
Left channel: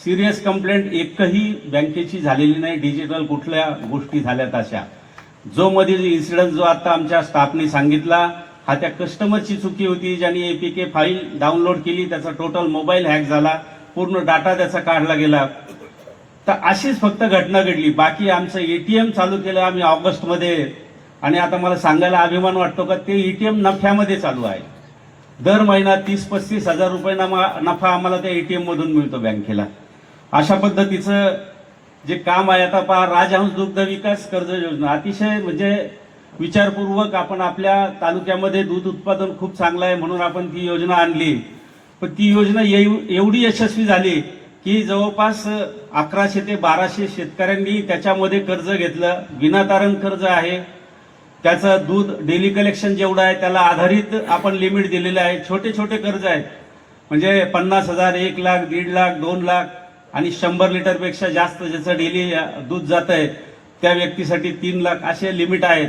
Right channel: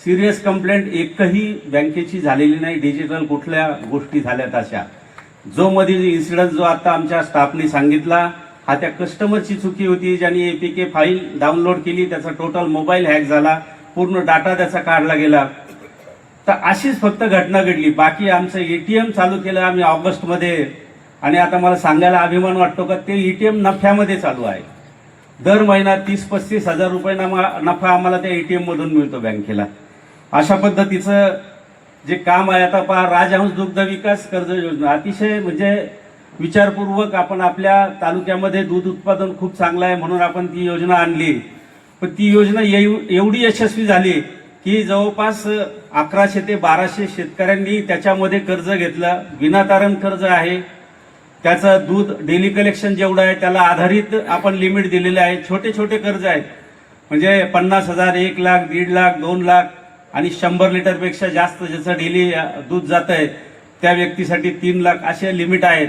सिरियस कंप्लेंट एकही बँकेची झालेली नाही. डिजिटल कुठल्या गोष्टी झाल्यात अशा. जो मधील इन्सिडन्स जो आता आमच्या स्टाफने सांगितला हा त्या कस्टमरची चुकी होती, ज्यांनी एपीके फाईल डाउनलोड केली, त्याचा टोटल मोबाईल हॅक झाला, पूर्ण डाटा त्याचा काढला गेला. तर अशीच फक्त घटना घडली. बाकी आमचं एटीएम चालू केलं आम्ही ऑगस्टमध्ये आणि आता मला सांगायला अभिमान वाटतो का ते एटीएम नफ्यामध्ये चालू आहे. दर महिना 30-35 हजार रुपये नफा आम्हाला त्या एटीएम मधून मिळतो बँकेला. अशा पद्धतीचं जे काम आहे. आता पहा, राजहंस दुग्ध विकास कर्ज योजना अतिशय म्हणजे विचारपूर्वक आपण आपल्या तालुक्यामध्ये दूध उत्पादन खूप चांगलं आहे म्हणून आपण ती योजना आणली. पण ती योजना एवढी यशस्वी झाली की जवळपास 1100 ते 1200 शेतकऱ्यांनी त्याच्यामध्ये कर्ज घेतलं. विनातारण कर्ज आहे. त्याचं दूध डेली कलेक्शन जेवढं आहे त्याला आधारित आपण लिमिट दिलेलं आहे. छोटे छोटे कर्ज आहेत, म्हणजे 50,000, 1 लाख, 1.5 लाख, 2 लाख आणि 100 लिटरपेक्षा जास्त ज्याचं डेली दूध जात आहे त्या व्यक्तीसाठी 3 लाख असे लिमिट आहेत.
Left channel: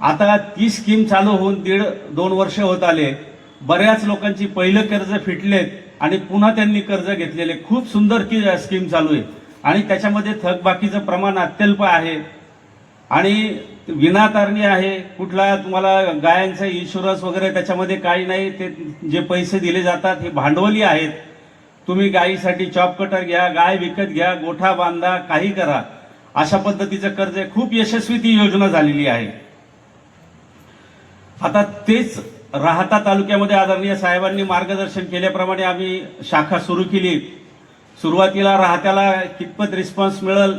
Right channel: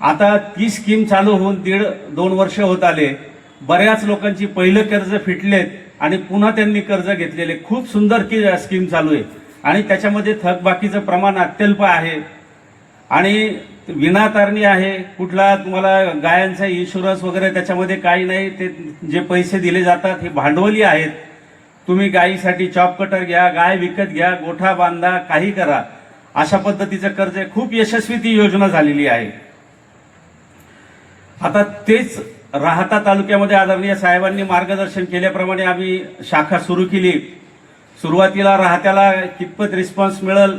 आता ती स्कीम चालू होऊन 1.5-2 वर्ष होत आले. बऱ्याच लोकांची पहिलं कर्ज फिटलेत आणि पुन्हा त्यांनी कर्ज घेतलेले. खूप सुंदर स्कीम चालू आहे आणि त्याच्यामध्ये थकबाकीचं प्रमाण अत्यल्प आहे आणि विनातारणी आहे. कुठला तुम्हाला गायांचा इन्शुरन्स वगैरे त्याच्यामध्ये काही नाही. ते जे पैसे दिले जातात हे भांडवली आहेत. तुम्ही गायीसाठी चॉप कटर घ्या, गाय विकत घ्या, गोठा बांधा, काही करा, अशा पद्धतीचं कर्ज आहे. खूप यशस्वी ती योजना झालेली आहे. आता तेच राहाता तालुक्यामध्ये आदरणीय साहेबांनी मार्गदर्शन केल्याप्रमाणे आम्ही शाखा सुरू केली. सुरुवातीला राहत्याला कितपत रिस्पॉन्स मिळेल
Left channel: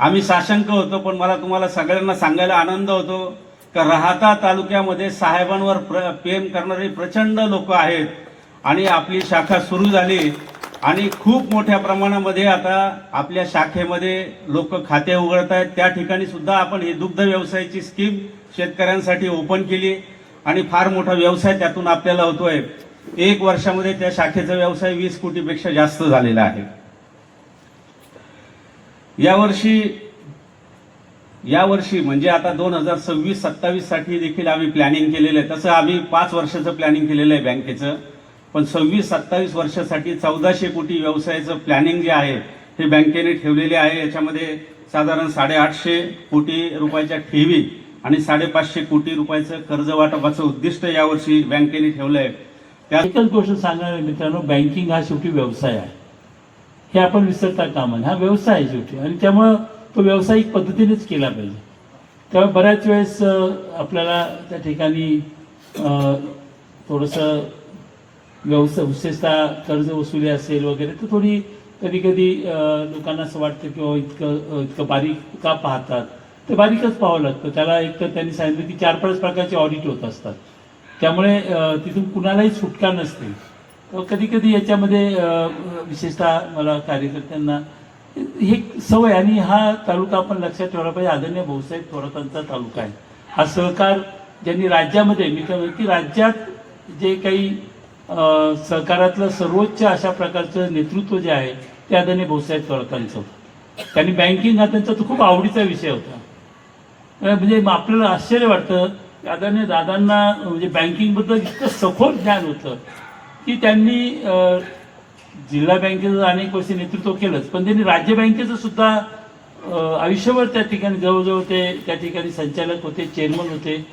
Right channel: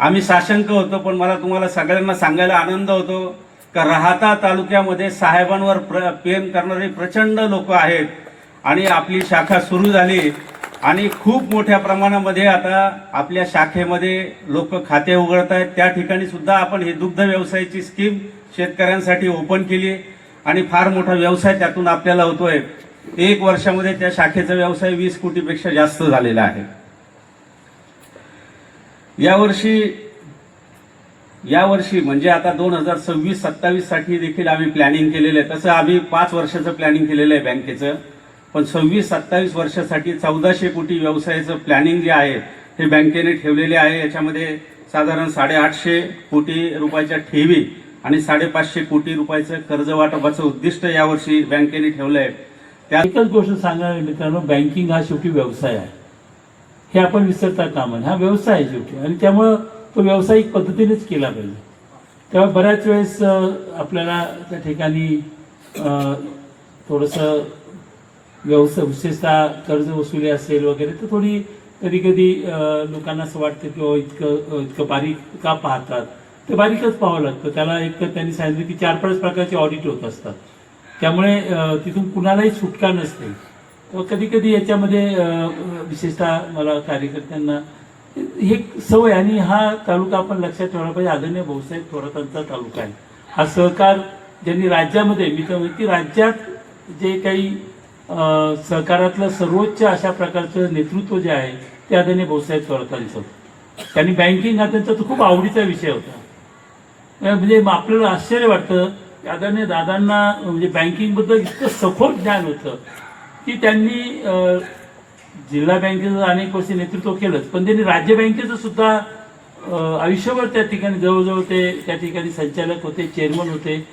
आम्ही साशंक होतो, पण मला तुम्हाला सगळ्यांना सांगायला आनंद होतो का राहाता तालुक्यामध्ये साहेबांवर प्रेम करणारे प्रचंड लोक आहेत आणि आपली शाखा सुरू झाली आणि खूप मोठ्या प्रमाणामध्ये आता आपल्या शाखेमध्ये लोक खाते उघडत आहेत. त्या ठिकाणी सुद्धा आपण ही दुग्ध व्यवसायाची स्कीम शेतकऱ्यांसाठी ओपन केली आणि फार मोठा व्यवसाय त्यातून आपल्याला होतोय. 1 वर्षामध्ये त्या शाखेचा व्यवसाय 20 कोटीपेक्षा जास्त झालेला आहे. यावर्षी म्हणजे आता 2026-27 साठी देखील आम्ही प्लॅनिंग केलेलं आहे. तसं आम्ही 5 वर्षाचं प्लॅनिंग केलेलं आहे बँकेचं, पण 26-27 वर्षासाठी 1400 कोटी व्यवसायाचं प्लॅनिंग जे आहे हे बँकेने ठेवलेले आहे. याच्यामध्ये साधारण 850 कोटी रुपयाच्या ठेवी आणि 550 कोटी रुपयाचं कर्ज वाटपाचं उद्दिष्ट यावर्षी बँकेने ठेवलंय. एकच गोष्ट सांगणार मित्रांनो, बँकिंग हा शेवटी व्यवसाय आहे, हे आपण विसरता कामा नये. हा व्यवसाय आहे शेवटी आणि त्यामुळं तो व्यावसायिक पद्धतीनेच केला पाहिजे. तेव्हा बऱ्याच वेळेस आपल्याला त्या ठिकाणी थोडंसं व्यवसाय विशेषतः कर्ज वसुली असेल वगैरे तर थोडी कधी कधी लोकांना असं वाटतं की इतकं बारीक का पाहतात. ते बारीकच पाहावं लागतं. त्याला एक तर त्यांनी सांगितलं की 4-5 प्रकारचे ऑडिट होत असतात, त्यामुळे तिथून कुणालाही सुटका नसते. तर कधी कधी याच्यामध्ये विशेषतः मला कार्यकर्त्यांना हे सवय, आणि हा तालुका आपण लक्षात ठेवला पाहिजे. आदरणीय भाऊसाहेब थोरातांचा तालुका आहे. हा सहकार ज्यांनी राज्यामध्ये, मी तर म्हणतो की राज्यात जे काही सहकारातलं सर्वोच्च अशा प्रकारचं नेतृत्व जे आहे ते आदरणीय भाऊसाहेब थोरातांचं. त्यांनी बँकिंग हा त्यांचा खूप आवडीचा विषय होता. म्हणजे आपल्याला आश्चर्य वाटतं की आदरणीय दादांना म्हणजे बँकिंगबद्दल इतकं सखोल ज्ञान होतं की त्यांनी जिल्हा बँकेचं अनेक वर्ष नेतृत्व केलंच, पण त्यांनी राज्य बँकेचं सुद्धा आयुष्यभर त्या ठिकाणी जवळजवळ ते त्या ठिकाणी संचालक होते, चेअरमन होते.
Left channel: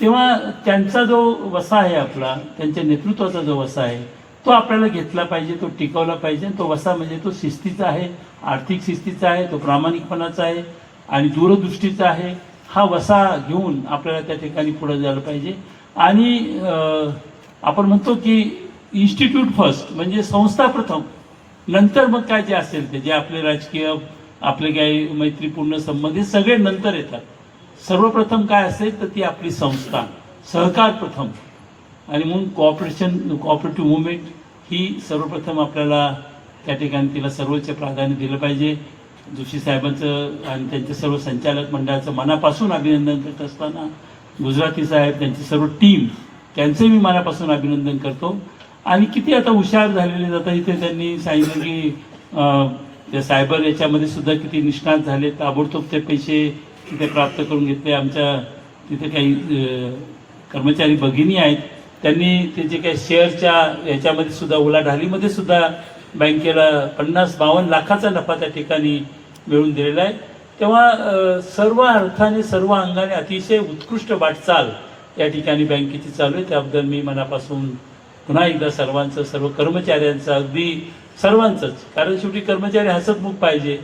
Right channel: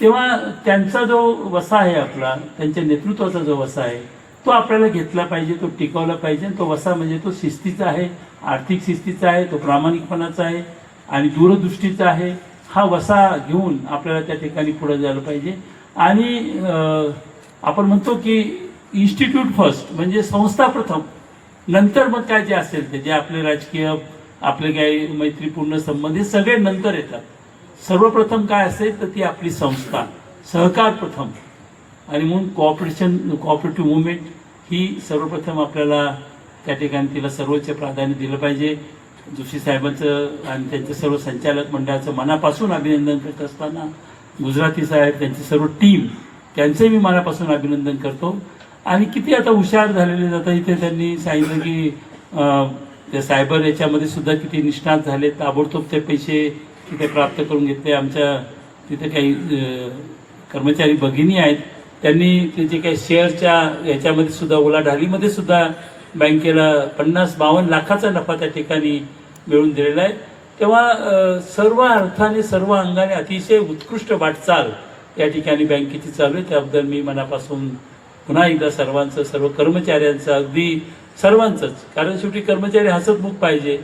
तेव्हा त्यांचा जो वसा आहे आपला, त्यांच्या नेतृत्वाचा जो वसा आहे तो आपल्याला घेतला पाहिजे, तो टिकवला पाहिजे. तो वसा म्हणजे तो शिस्तीचा आहे, आर्थिक शिस्तीचा आहे, तो प्रामाणिकपणाचा आहे आणि दूरदृष्टीचा आहे. हा वसा घेऊन आपल्याला त्या ठिकाणी पुढे जायला पाहिजे. आणि आपण म्हणतो की इन्स्टिट्यूट फर्स्ट, म्हणजे संस्था प्रथम, नंतर मग काय जे असेल ते जे आपले राजकीय आपले काही मैत्रीपूर्ण संबंध हे सगळे नंतर येतात. सर्वप्रथम काय असेल तर ती आपली संस्था, सहकार प्रथम. आणि म्हणून कोऑपरेटिव्ह मुवमेंट ही सर्वप्रथम आपल्याला त्या ठिकाणी तिला सर्वोच्च प्राधान्य दिलं पाहिजे. जोशी साहेबांचं आणि त्यांच्या सर्व संचालक मंडळाचं मनापासून अभिनंदन करत असताना गुजराती साहेब, त्यांची सर्व टीम, त्यांचंही मी मनापासून अभिनंदन करतो. आणि किती आता हुशार झालेले जातात. इथे त्यांनी सांगितलं की त्या सायबर याच्यामध्ये सुद्धा किती निष्णात झाले, ताबडतोब ते पैसे तिथे प्राप्त करून घेतले. आमच्या तिथे काही कर्मचारी भगिनी आहेत, त्यांनी ते जे काही शेअरच्या याच्यामध्ये सुद्धा उलाढालीमध्ये सुद्धा बँकेला 50-52 लाखाचा नफा त्या ठिकाणी मिळवून दिलेला आहे. तेव्हा सर्व अर्थाने सर्व अंगाने अतिशय उत्कृष्ट वाटचाल या ठिकाणी बँकेची चालू आहे. त्याबद्दल मी मनापासून पुन्हा एकदा सर्वांचं, सर्व कर्मचाऱ्यांचं, अगदी सर्वांचंच, कारण शेवटी कर्मचारी हसतमुख पाहिजे.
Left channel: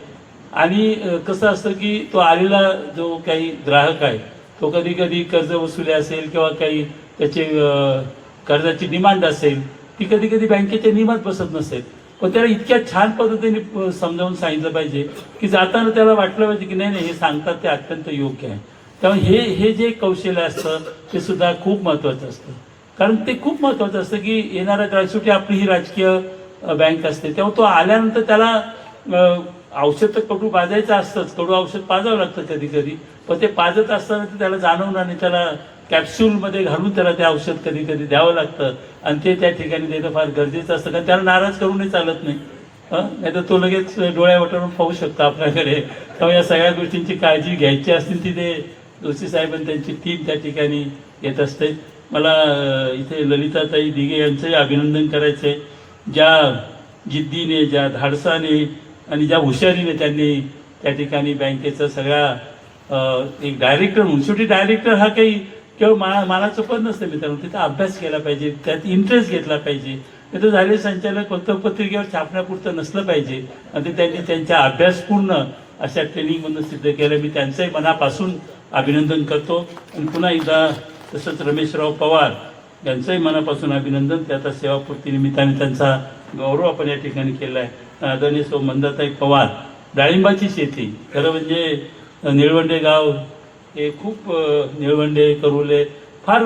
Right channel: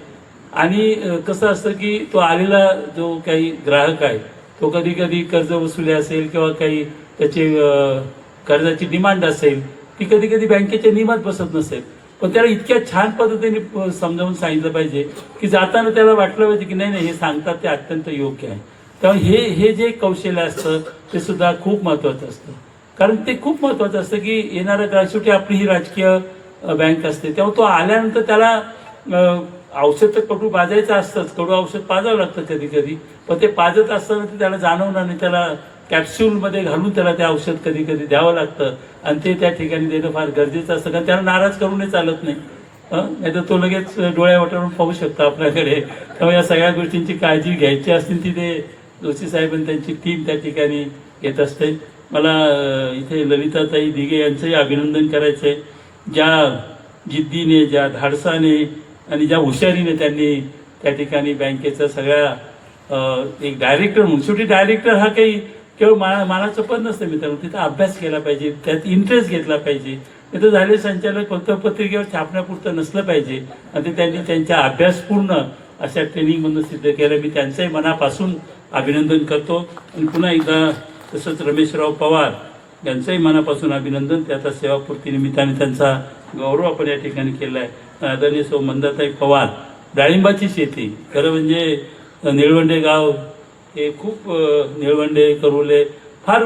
आणि कसं असतं की तो आलेला जो काही ग्राहक आहे तो कधी कधी कर्ज वसुली असेल किंवा काही त्याचे कर्जाची डिमांड असेल ती कधी कधी बँकेच्या नियमात बसत नसेल, पण त्याला इतक्या छान पद्धतीने समजावून सांगितलं पाहिजे की जाताना त्याला वाटलं पाहिजे की नाही हे सांगतात ते अत्यंत योग्य आहे. त्यामुळे हे जे कौशल्य असतं ते सुद्धा खूप महत्त्वाचं असतं. कारण ते खूप महत्वाचं असतं की येणाऱ्या काळात शेवटी आपली ही राजकीय बँक असते, तेव्हा तो आल्यानंतर त्याला औषध तर कडू पाजायचं असतंच, कडू औषध पाजावं लागतं कधी कधी, पण ते पाजत असताना ते त्याला जाणवणार नाही, त्याला कॅप्सूलमध्ये घालून त्याला ते औषध कधी कधी द्यावं लागतं आणि ते त्या ठिकाणी देणं फार गरजेचं असतं, कारण त्याला नाराज करूनही चालत नाही. नाही तर तो लगेच डोळ्या वटारून पाहू शकतो आपल्याकडे. त्यामुळे या सगळ्या गोष्टींची काळजी घ्यायची असतील ती ते जोशी साहेब आणि त्यांची टीम त्या ठिकाणी येत असते. मला इथे ललिताताई दिघे यांचंही अभिनंदन करायचं आहे. ज्या जिद्दीने, ज्या धाडसाने आणि ज्या हुशारीने त्यांनी त्या ठिकाणी बँकेचं सगळ्या एक डायरेक्टर म्हणून, शेवटी डायरेक्टर हा काही केवळ मानाचं पद नसतं मित्रांनो, तिथं अभ्यास केला पाहिजे, त्यात इंटरेस्ट घेतला पाहिजे. तिथं झाले संचालक फक्त पत्रिकेवर छापण्यापुरतं नसलं पाहिजे आणि ते त्यांनी त्यांच्या अभ्यासपूर्ण अशा ट्रेनिंगमधून सिद्ध केलं. मी त्यांचंही मनापासून अभिनंदन करतो आणि पुन्हा एकदा तसंच रमेशराव पवार यांचंही मनापासून अभिनंदन. ते आता सेवापूर्ती निमित्ताने त्यांचा गौरव आपण या ठिकाणी केला आहे. आदरणीय सौ मंदाताई पवार, डाळिंबाची शेती, खरं म्हणजे निळवंडे गाव हे खूप, निळवंडे करुले फार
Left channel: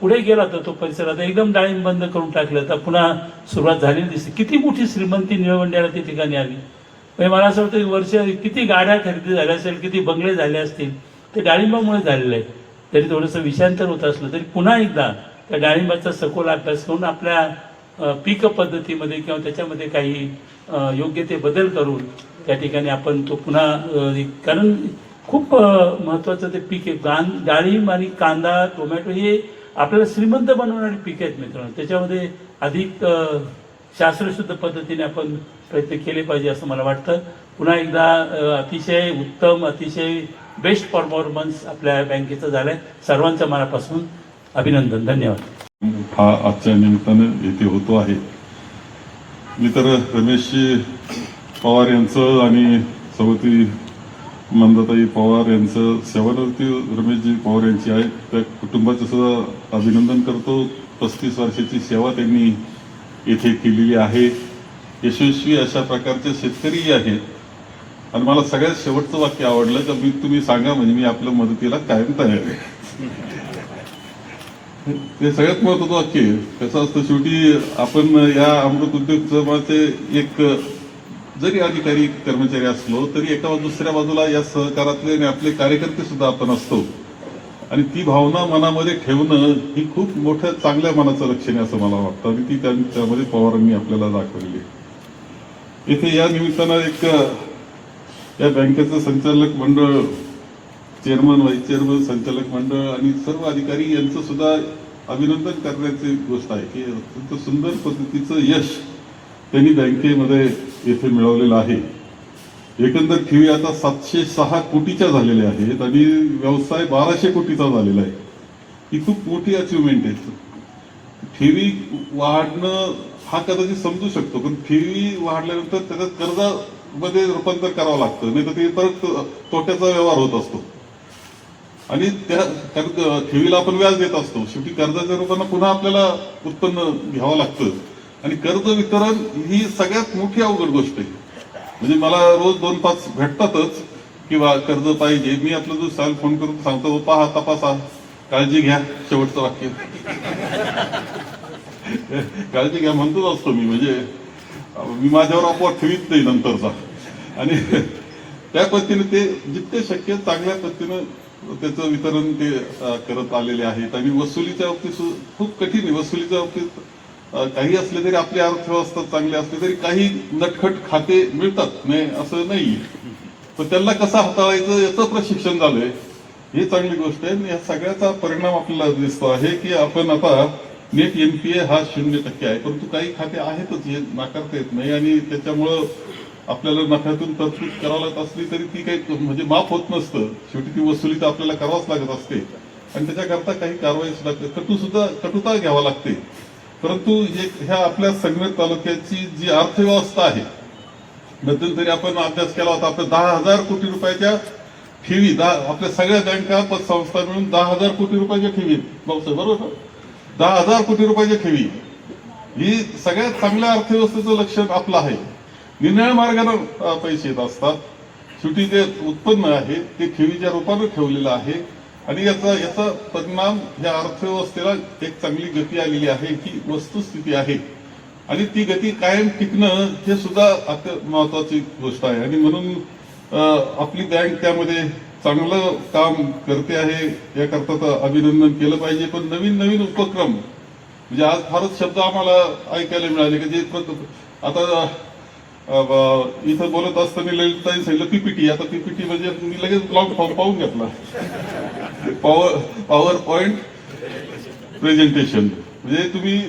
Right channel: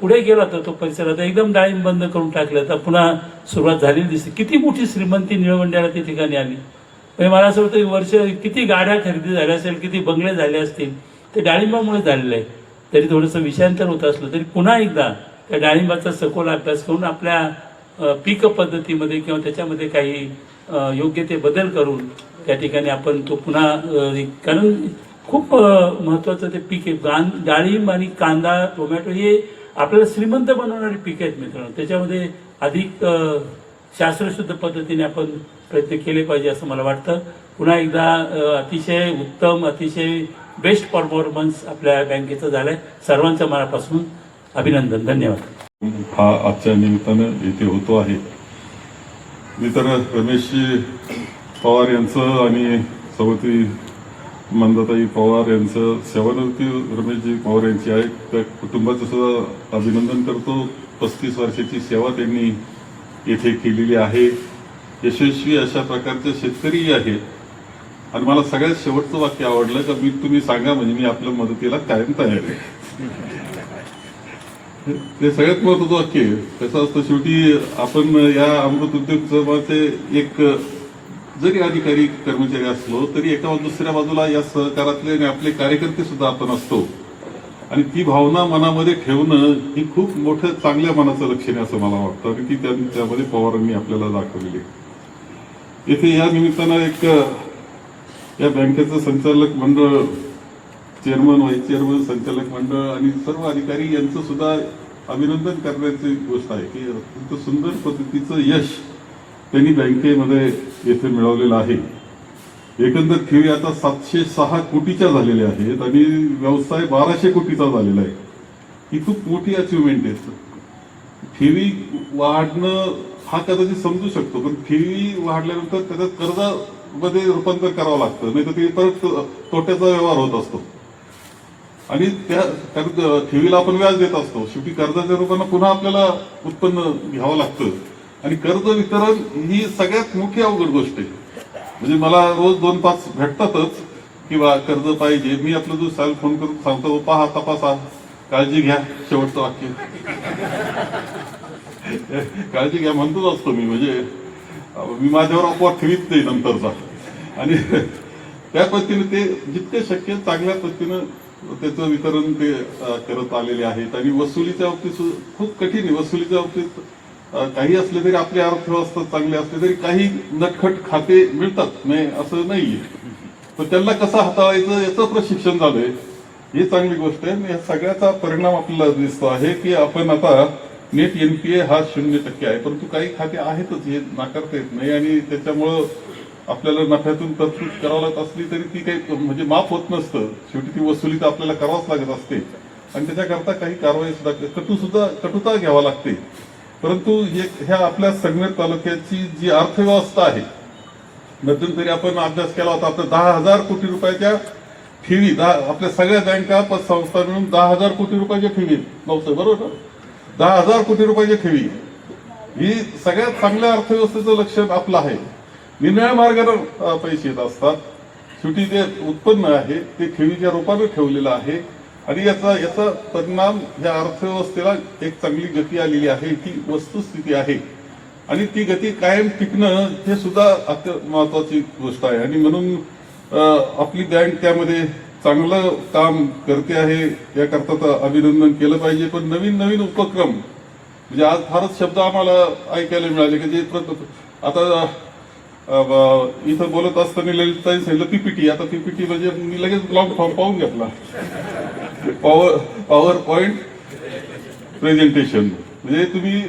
पुढे गेला तर तो परिसर आता एकदम डाळिंब बंद करून टाकलं, तर पुन्हा सुरुवात झालेली दिसते. किती मोठी श्रीमंती निळवंड्याला त्या ठिकाणी आली. म्हणजे मला असं वाटतं वर्ष किती गाड्या खरेदी झाल्या असेल, किती बंगले झाले असतील, ते डाळिंबामुळे झालेलं आहे. तरी थोडंसं विषयांतर होत असलं तरी पुन्हा एकदा त्या डाळिंबाचा सखोल अभ्यास करून आपल्या पीक पद्धतीमध्ये किंवा त्याच्यामध्ये काही योग्य ते बदल करून त्या ठिकाणी आपण तो पुन्हा, कारण खूप महत्वाचं ते पीक आहे. डाळिंब आणि कांदा, टोमॅटो हे आपल्याला श्रीमंत बनवणारी पीक आहेत मित्रांनो. त्याच्यामध्ये अधिक शास्त्रशुद्ध पद्धतीने आपण प्रयत्न केले पाहिजे असं मला वाटतं. पुन्हा एकदा अतिशय उत्तम, अतिशय बेस्ट परफॉर्मन्स आपल्या बँकेचं झालंय. सर्वांचं मनापासून अभिनंदन. धन्यवाद. हा आजच्या निमित्तानं येथे होतो आहे. मी तर रमेशजी पवार यांचं आणि सभापती मंदाताई पवार यांचं, सेवानिवृत्ती रमेशजी पवार यांची आहे, त्या कुटुंबाचं सुद्धा अभिनंदन करतो. 35 वर्षाची सेवा त्यांनी येथे केलेली आहे. यशस्वी अशा प्रकारचे शेतकरीही आहे. आणि मला सगळ्यात शेवटचं वाक्य आवडलं का तुम्ही सांगा म्हणजे मी आपल्या मदतीला कायम तयार आहे. ते सगळ्यात महत्वाचं वाक्य आहे. कसं असतं, शेवटी आपण या अमृत उद्योग समूहाचे एक जरी अधिकारी कर्मचारी असलो तरी एका दुसऱ्या बाजूला या सहकारातले आणि आपले कार्यकर्ते सुद्धा आपण असतो. आणि ती भावना मनामध्ये ठेवणं ही खूप मोठं चांगल्या मनाचं लक्षण आहे असं मला वाटतं. आणि ती त्यामध्ये पवारांनी आपल्याला दाखवलेली. इथे या निमित्तानं एक या बँकेचं संचालक मंडळ, चेअरमन, व्हाईस चेअरमन, संचालक मंडळ आणि सर्व अधिकारी यांचं सुद्धा अभिनंदन करण्याची गोष्ट आहे की अत्यंत सुंदर पद्धतीचं यश त्यांनी बँकेमध्ये येथे मिळवलेलं आहे. एकंदर ठेवी आता 706 कोटीच्या झालेल्या आहेत आणि व्यवसाय 1200 कोटीचा झालेला आहे. ही खूप मोठी अचिव्हमेंट आहे. ठेवी वाढणं हा कदाचित समजू शकतो, पण ठेवी वाढल्यानंतर त्याच्यात कर्जामध्ये रूपांतर करावं लागतं, नाही तर ते परत तोट्याचा व्यवहार होत असतो. आणि त्या ठेवीला आपण व्याज देत असतो. शेवटी कर्जाच्या रूपानं पुन्हा आपल्याला उत्पन्न घ्यावं लागतं. आणि कर्ज वितरण ही सगळ्यात मोठी अवघड गोष्ट आहे. म्हणजे मला रोज 2-5 भेटतातच किंवा कर्ज पाहिजे. मी आपलं जो साहेब फोन करून सांगतो, पहा, तपासा, काळजी घ्या, शेवटचं वाक्य काळजी घ्या म्हणतोच असतो मी. म्हणजे मी माझ्यावर अपवाद ठेवीत नाही नंतरचा. आणि त्या पद्धतीने ते जितके शक्य चांगल्या पद्धतीनं त्याचं वितरण ते करत आलेले आहेत. आणि वसुलीच्या बाबतीत खूप कठीण आहे. वसुलीच्या बाबतीत काही असले तरी, आपली अर्थव्यवस्था चांगली असली तरी काही नटखट खाते मिळतात, नाही असं नाहीये. तर त्यांना कसं हाताळायचं याचं प्रशिक्षण झालंय, ही चांगली गोष्ट आहे. या सगळ्याचा परिणाम आपल्याला दिसतो आहे की आपण आता नेट NPA हा 0% आहे, परंतु काही खाते आहेतच, हे नाकारता येत नाही. आणि त्याच्यामुळं आपल्याला नफ्यातून तरतूद करावं असली तरी ती काही म्हणजे माफ होत नसतं. शेवटी ती वसुली तर आपल्याला करावंच लागत असते आणि त्याच्याकरता काही कारवाई सुद्धा कटुता घ्यावा लागते. परंतु ह्या आपल्या संगमेर तालुक्याची जी अर्थव्यवस्था आहे, मध्यंतरी आपण अभ्यास केला होता, आपल्या 10,000 कोटी रुपयाच्या ठेवी, आपल्या सगळ्या बँका पतसंस्था मिळून 10,000 कोटी रुपयाच्या ठेवी, बरोबर, 10,000 कोटी रुपयाच्या ठेवी ही सगळ्यात चांगल्या अर्थव्यवस्थेचं लक्षण आपलं आहे. निरनिळ्या मार्गाने पैसे येत असतात. शेवटी जे उत्पन्न आहे ते ठेवीच्या रूपाने ठेवलेलं आहे आणि याचा परिणाम या अर्थव्यवस्थेला एक चांगली गती आलेली आहे, ही वस्तुस्थिती आहे. आणि ती गती कायम टिकणं हे सुद्धा अत्यंत महत्वाची गोष्ट आहे. आणि म्हणून आपली बँक त्यामध्ये चांगलं काम करते आहे, याकरता अभिनंदन केलं पाहिजे. पण नवीन नवीन उपक्रम म्हणजे आज फारच शब्द आम्हाला ऐकायला मिळाले की जे आता इथं बोलत असताना ललिताई सांगितलं पीपीटी. आता पीपीटी म्हणजे मी लगेच लॉंग फॉर्म पाहून घेतला, पॉवर पॉइंट प्रेझेंटेशन. म्हणजे तुम्ही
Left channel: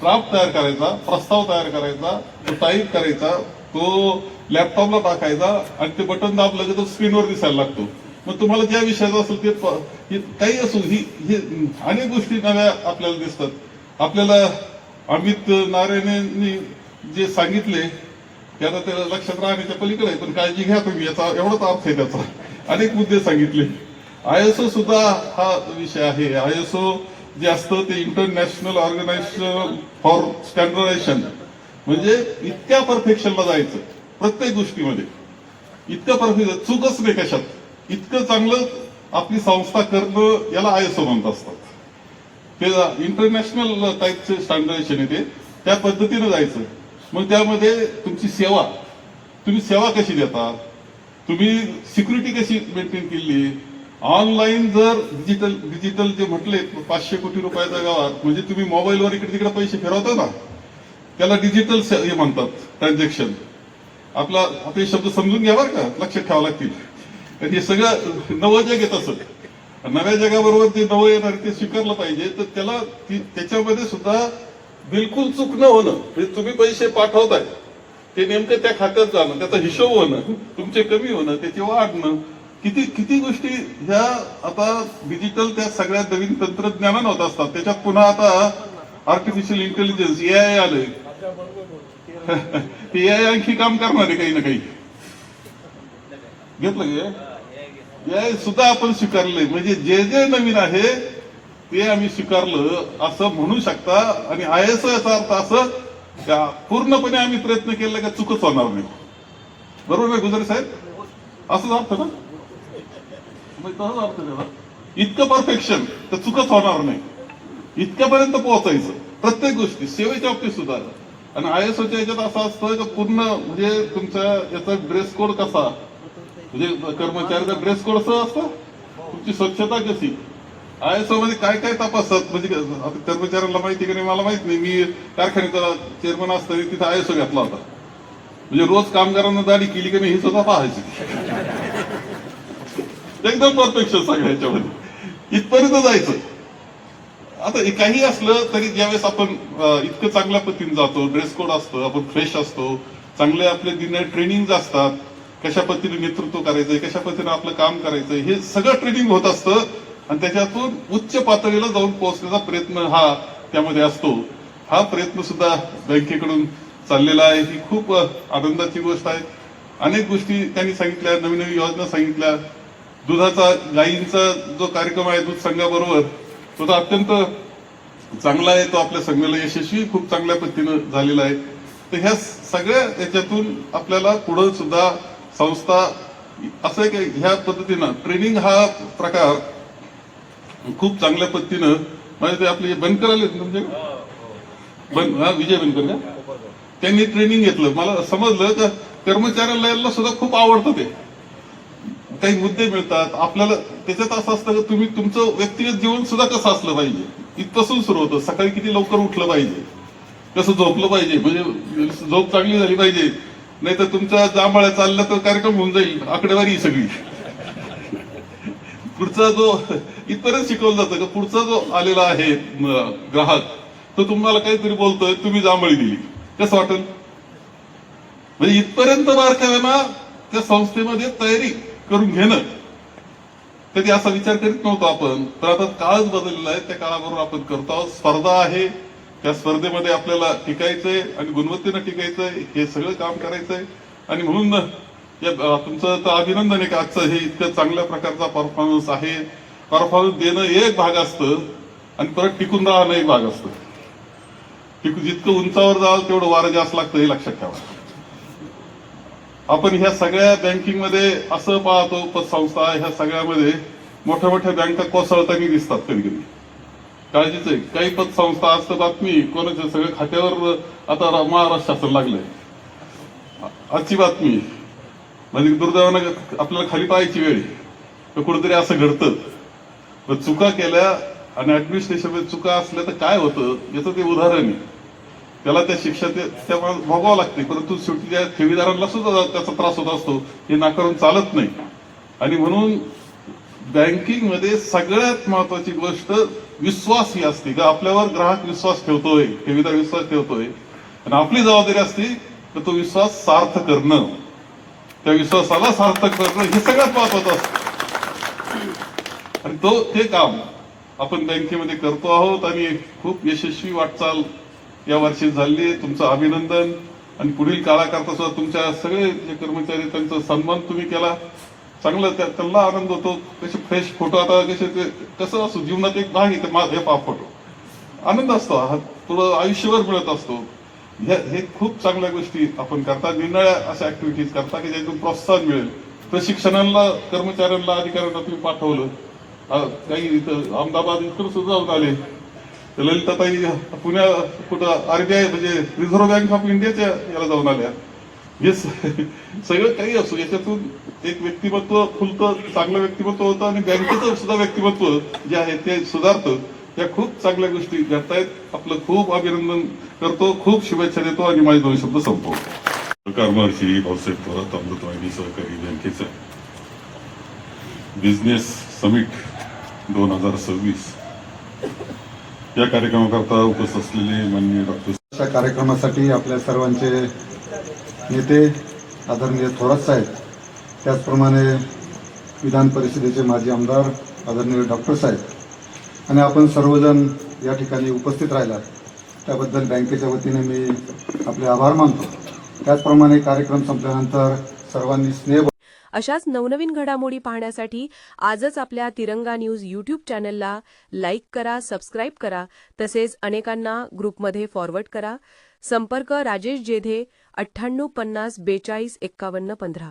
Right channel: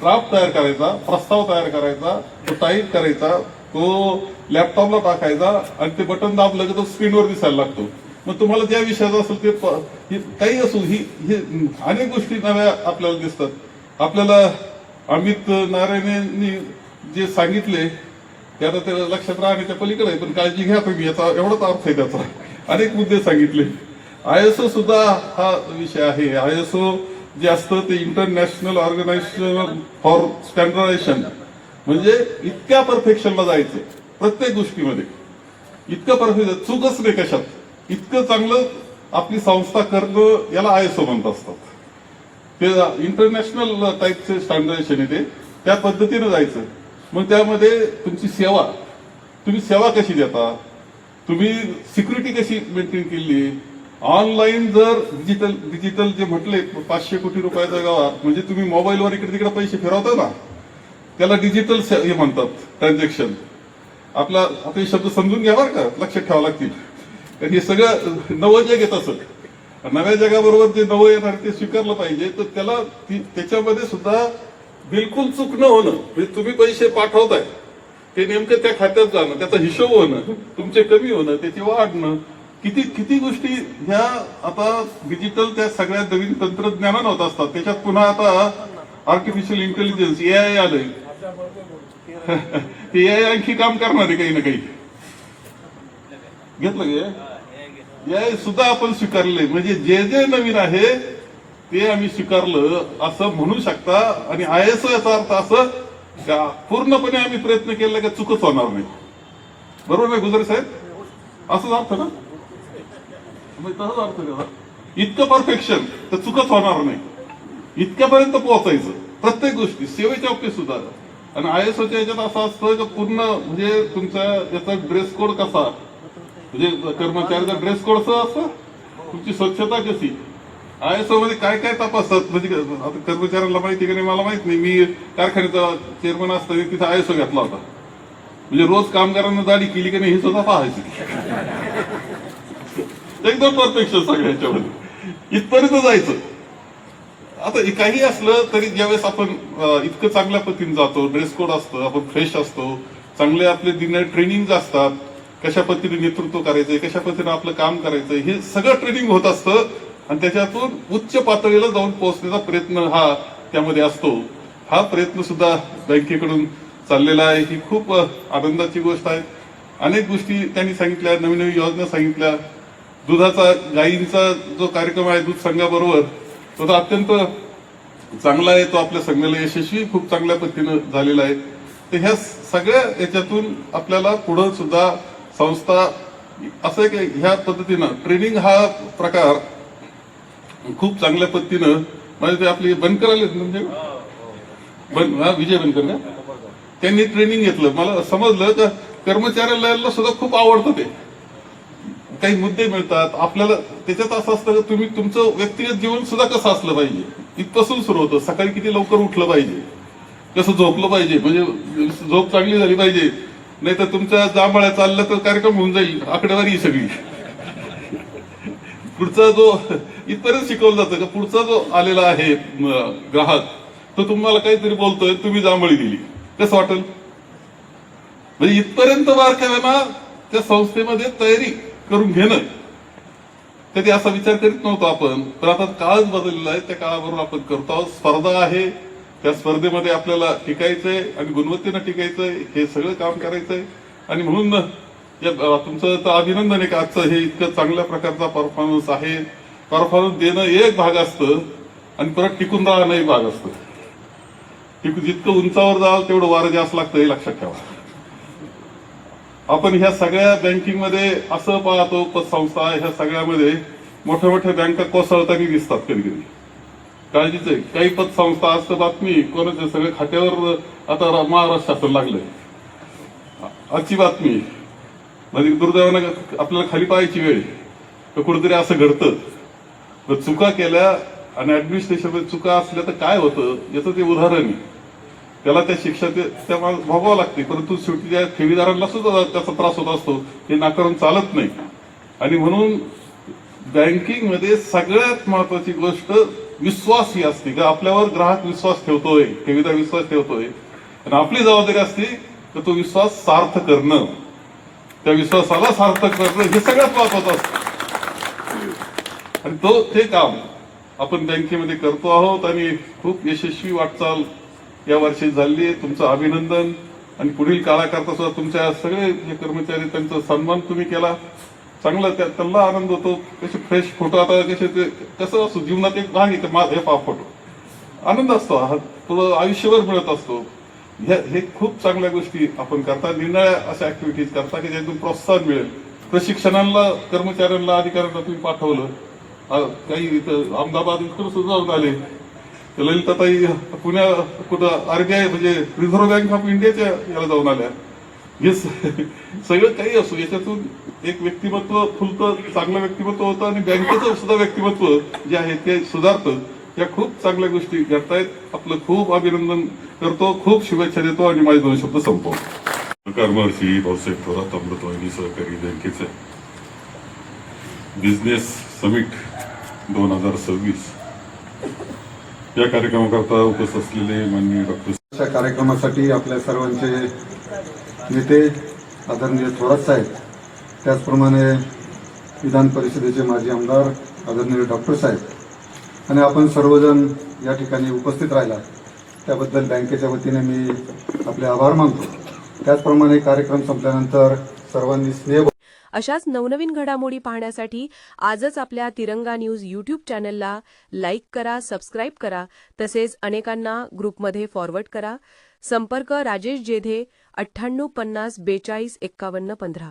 ड्राफ्ट तयार करायचा, प्रस्ताव तयार करायचा, तो टाईप करायचा, तो लॅपटॉपला टाकायचा आणि ते बटन दाबलं की तो स्क्रीनवर दिसायला लागतो. मग तुम्हाला ज्या विषयाचं असेल ते काही असो, ही अनेक गोष्टी नव्या आपल्याला दिसतात. आपल्याला अमित नारायणनी जे सांगितले ते आता ते लक्षात राहण्याच्या पलीकडे आहे, पण काळजी घ्या तुम्ही, याचा एवढाच अर्थ आहे त्याचा. अनेक मुद्दे सांगितले. आयएसओ सुद्धा हा विषय आहे. आयएसओ जे असतं ते इंटरनॅशनल ऑर्गनायझेशन फॉर स्टँडर्डायझेशन, म्हणजे इतक्या परफेक्शनला जायचं प्रत्येक गोष्टीमध्ये, इतकं परफेक्शन, चूकच नाही कशात, इतकं चांगलं आपली संस्था करणं, याला आयएसओ म्हणत असतात. ते इंटरनॅशनल टाईपचे स्टँडर्डायझेशन येते, त्या पद्धतीनं जायचं. मग त्यामध्ये तुमची सेवा, तुम्ही सेवा कशी देता, तुम्ही सिक्युरिटी कशी मेंटेन केली. ऑनलाईन जर डिजिटल जे म्हटले 500 कोटी रुपयाच्या गावात, म्हणजे तुम्ही मोबाईलवर इकडे तिकडे पैसे फिरवता ना, त्याला डिजिटल हे म्हणतात, ट्रान्झॅक्शन. आपले शब्द समजून घ्या बरं का, लक्षात ठेवावं लागतील. कारण हे सगळं नवं जग येत असत, नव्या जगाबरोबर जे नवं येणार ते स्वीकारलं पाहिजे. तर त्याच्यामध्ये सुद्धा बिलकुल चूक न होणं, म्हणजे तुम्ही पैसे पाठवताय ते नेमकं त्या खात्यात जाणं, त्याचा हिशोब होणं, तुमचे कमी होणं, त्याचे वाढणं, किती गोष्टी ह्या आता डिजिटल त्या सगळ्या नवीन तंत्रज्ञानानं होत असतात. त्याच्यात पुन्हा आता आर्टिफिशियल इंटेलिजन्स एआय आलंय. ते एआय आणखी काम करणार आहे काही ना काही. घेतलं गे एआय सुद्धा आपण स्वीकारले, म्हणजे जे नवीन आहे ते आम्ही स्वीकारलं असं म्हणू शकता. आणि आयएसओ याचा अर्थ असं का पूर्णपणे आम्ही प्रयत्न केले का चुकच होणार नाही. बरोबर नाही गुजरे साहेब? असंच अर्थ ना, तसंच अर्थ. इतकं परफेक्शन तर चुकच होणार नाही, इतक्यापर्यंत पोहोचायचं प्रत्येक गोष्टी, सेवेच्या बाबतीत सुद्धा. आणि आयएसओच्या याच्यात असं असतं की पूर्ण म्हणजे तुमचा याचा ड्रेस कोड कसा, म्हणजे कर्मचाऱ्याचा ड्रेस कोड असं असतं, तुमची स्वच्छता कशी, आयएसओ मध्ये काय काय तपासतात. म्हणजे आता कर्मचाऱ्यांना माहिती की नाही मला माहित नाही. मी कारखान्याचा चेअरमन असताना तिथे आयएसओ घेतला होता. म्हणजे रोज कामगारांना दाढी केली की नाही हे सुद्धा पाहायची. एकदम परफेक्शन सगळ्याच्यामध्ये, इथपर्यंत जायचं. आता काही असलं तरी ज्यावेळेस आपण इतकं चांगल्या पद्धतीने जातो, ड्रेस कोड असतं, आपण फ्रेश असतो, चांगले आपले दिन ट्रेनिंग असतात, कशा पद्धतीने नेतृत्व करायचंय, कशा पद्धतीने आपलं काम करायचंय, हे सगळं ट्रेनिंग होत असतं. आणि त्याच्यातून उच्च पातळीला जाऊन पोहोचण्याचा प्रयत्न हा त्यामध्ये असतो. हा प्रयत्न सुद्धा बँकेकडून चाललेला आहे. ही खूप आनंदाची गोष्ट आहे. अनेक गोष्टी त्यांनी सांगितल्या, नवीन नवीन योजना सांगितल्या. दुधाचा गायींचा जो कार्यक्रम आहे दूध संघाबरोबर, तो अत्यंत चांगला आहे. तो आपल्या संघाला यशस्वी खूप चांगल्या पद्धतीनं झालेला आहे. तर ह्या सगळ्या याच्यातून आपल्याला पुढं सुद्धा संस्था असं आहे की ह्या पद्धतीनं ट्रेनिंग हा प्रकार खूप चांगल्या पद्धतीनं, म्हणजे ते आपले बनकर आले म्हणजे विजय बनकर का, त्यांनी ट्रेनिंग घेतलं. मला समजलं तर कर्मचाऱ्याला सुद्धा खूप आवडतं ते. काही मुद्दे मिळतात आपल्याला त्याच्यात. असं असतं की तुम्ही तुमचं व्यक्तिगत जीवन सुद्धा कसं असलं पाहिजे, इथपासून सुरू होतं. सकाळी किती लवकर उठलं पाहिजे, कसं झोपलं पाहिजे, म्हणजे झोप चांगली झाली पाहिजे, नाही तर तुमच्या जांभळ्या चाललं तर कार्यक्रम होऊन जाईल, आकडेवारी सगळी. पुढचा जो इथपर्यंत शिकवलं जातं का पुढचा जो आलेला आहे ग्राहक, तो तुम्हाला काहीतरी बोलतोय, तुम्ही जांभळी दिली, कसं वाटेल? म्हणजे इथपर्यंत बारकाव्याना त्या संस्थेमध्ये तयारी करून घेणं. कधी असा विचार करीत नव्हतो आपण, पण आता काळच बदललेला आहे. त्या काळाबरोबर आपण करतो आहोत. स्पर्धा आहे, त्या स्पर्धेमध्ये आपल्याला टिकायचंय आणि गुणवत्तेनं टिकायचंय, हे सगळं काम करायचंय. आणि म्हणून तुमचं तर अभिनंदन आहे की आजचं हे इतकं चांगल्या प्रकारचा परफॉर्मन्स आहे. परफॉर्मन्स देणं एक भाग असतं आणि परत टिकून राहणं एक भाग असतं. जितकं उंचावर जाल तेवढं वारं जास्त लागतं, हे लक्षात ठेवा. आपण ह्या सगळ्या बँकिंगमध्ये असं पाहतो, पतसंस्था ह्या सगळ्यामध्ये मोठ्या मोठ्या बँका कोसळताना दिसतात कधी कधी. काळजीच आहे. काही पतसंस्था आज तर बातमी कोणाच्या सगळ्या खात्यावर आता महाराष्ट्र शासन लागलंय. आजची बातमी म्हणजे दुर्दैवानं आपल्याला खाली पाहायची वेळ तर कुठेतरी असं घडतं. पण चुका केल्या आणि ऍडमिनिस्ट्रेशन चुका असल्या तर काय होतं याचं ते उदाहरण आहे. त्याला त्या शिक्षा त्या भोगावं लागते, परंतु शेवटी त्या ठेवीदारांना सुद्धा त्याचा त्रास होत असतो, हे नाकारून चालत नाही. आणि म्हणून बँकिंगमध्ये सगळ्यात महत्वाची गोष्ट विश्वास ही असते का आपल्यावर ग्राहक विश्वास ठेवतोय, ठेवीदार विश्वास ठेवतोय आणि आपली जबाबदारी असते तर तो विश्वास सार्थ करणं, त्या विश्वासाला सार्थक करणं हे सगळ्यात महत्वाचं असतं. आणि ते काम आपण बँकेमध्ये करतो आहोत आणि खूप यशस्वी वाटचाल या वर्षी झाली. तुमचं अभिनंदन. आणि पुढील काळाकरता सुद्धा तुमच्या सगळे जे कर्मचारी त्यांचा सन्मान तुम्ही केला, चांगलं त्यांना आनंद होतो. कसे फ्रेश फोटो आता कसे कसं असतो जीवनात एक भाग आहे माझा हे फोटो आनंद असतो, हा तुला आयुष्यभर मिळत असतो. हे खूप चांगल्या गोष्टी आपण करता, निर्णय अशा ऍक्टिव्हिटीज करता की ज्यातून प्रोत्साहन मिळेल. प्रशिक्षणाला कर्मचाऱ्यांना अधिकाऱ्यांना तुम्ही पाठवलं. काही इथं अहमदाबाद इथून सुद्धा जाऊन आले. ललिताताई पुण्या कुठं आरबीआय म्हणजे रिझर्व्ह बँक ऑफ इंडियाच्या याला जाऊन आल्या. हे सगळं काही असो याच्यातून एक व्यक्तिमत्व फुलतं, चांगलं व्यक्तिमत्व होतं आणि बँकेचं सुद्धा व्यक्तिमत्व जे आहे ते सुधारतं. या खूप चांगल्या गोष्टी घडतायत. आपलं खूप अभिनंदन करतो, खूप शुभेच्छा देतो आणि माझे 2 शब्द संपवतो. महर्षी भाऊसाहेब थोरात अमृतवाहिनी सहकारी बँकेचे बिझनेस समिट 2026 या कार्यक्रमाकरता उपस्थित असलेले माननीय डॉक्टर अशा कार्यक्रमासाठी आपल्या सर्वांचे नेते आदरणीय थोरात साहेब, त्याचप्रमाणे विधान परिषदेचे माजी आमदार आदरणीय डॉक्टर साहेब आणि आपण सर्वजण या ठिकाणी उपस्थित राहिला त्याबद्दल बँकेच्या वतीने मी आपले आभार मानतो. त्याचप्रमाणे कार्यक्रम संपल्यानंतर सर्वांनी स्नेह अशाच नवनवीन घडामोडी पाहण्यासाठी आजच आपल्या तिरंगा न्यूज यूट्यूब चॅनलला लाईक करा, सबस्क्राईब करा, तसेच अनेकांना ग्रुपमध्ये फॉरवर्ड करा. संपर्क राजेश जेधे 98 50 42 51 15.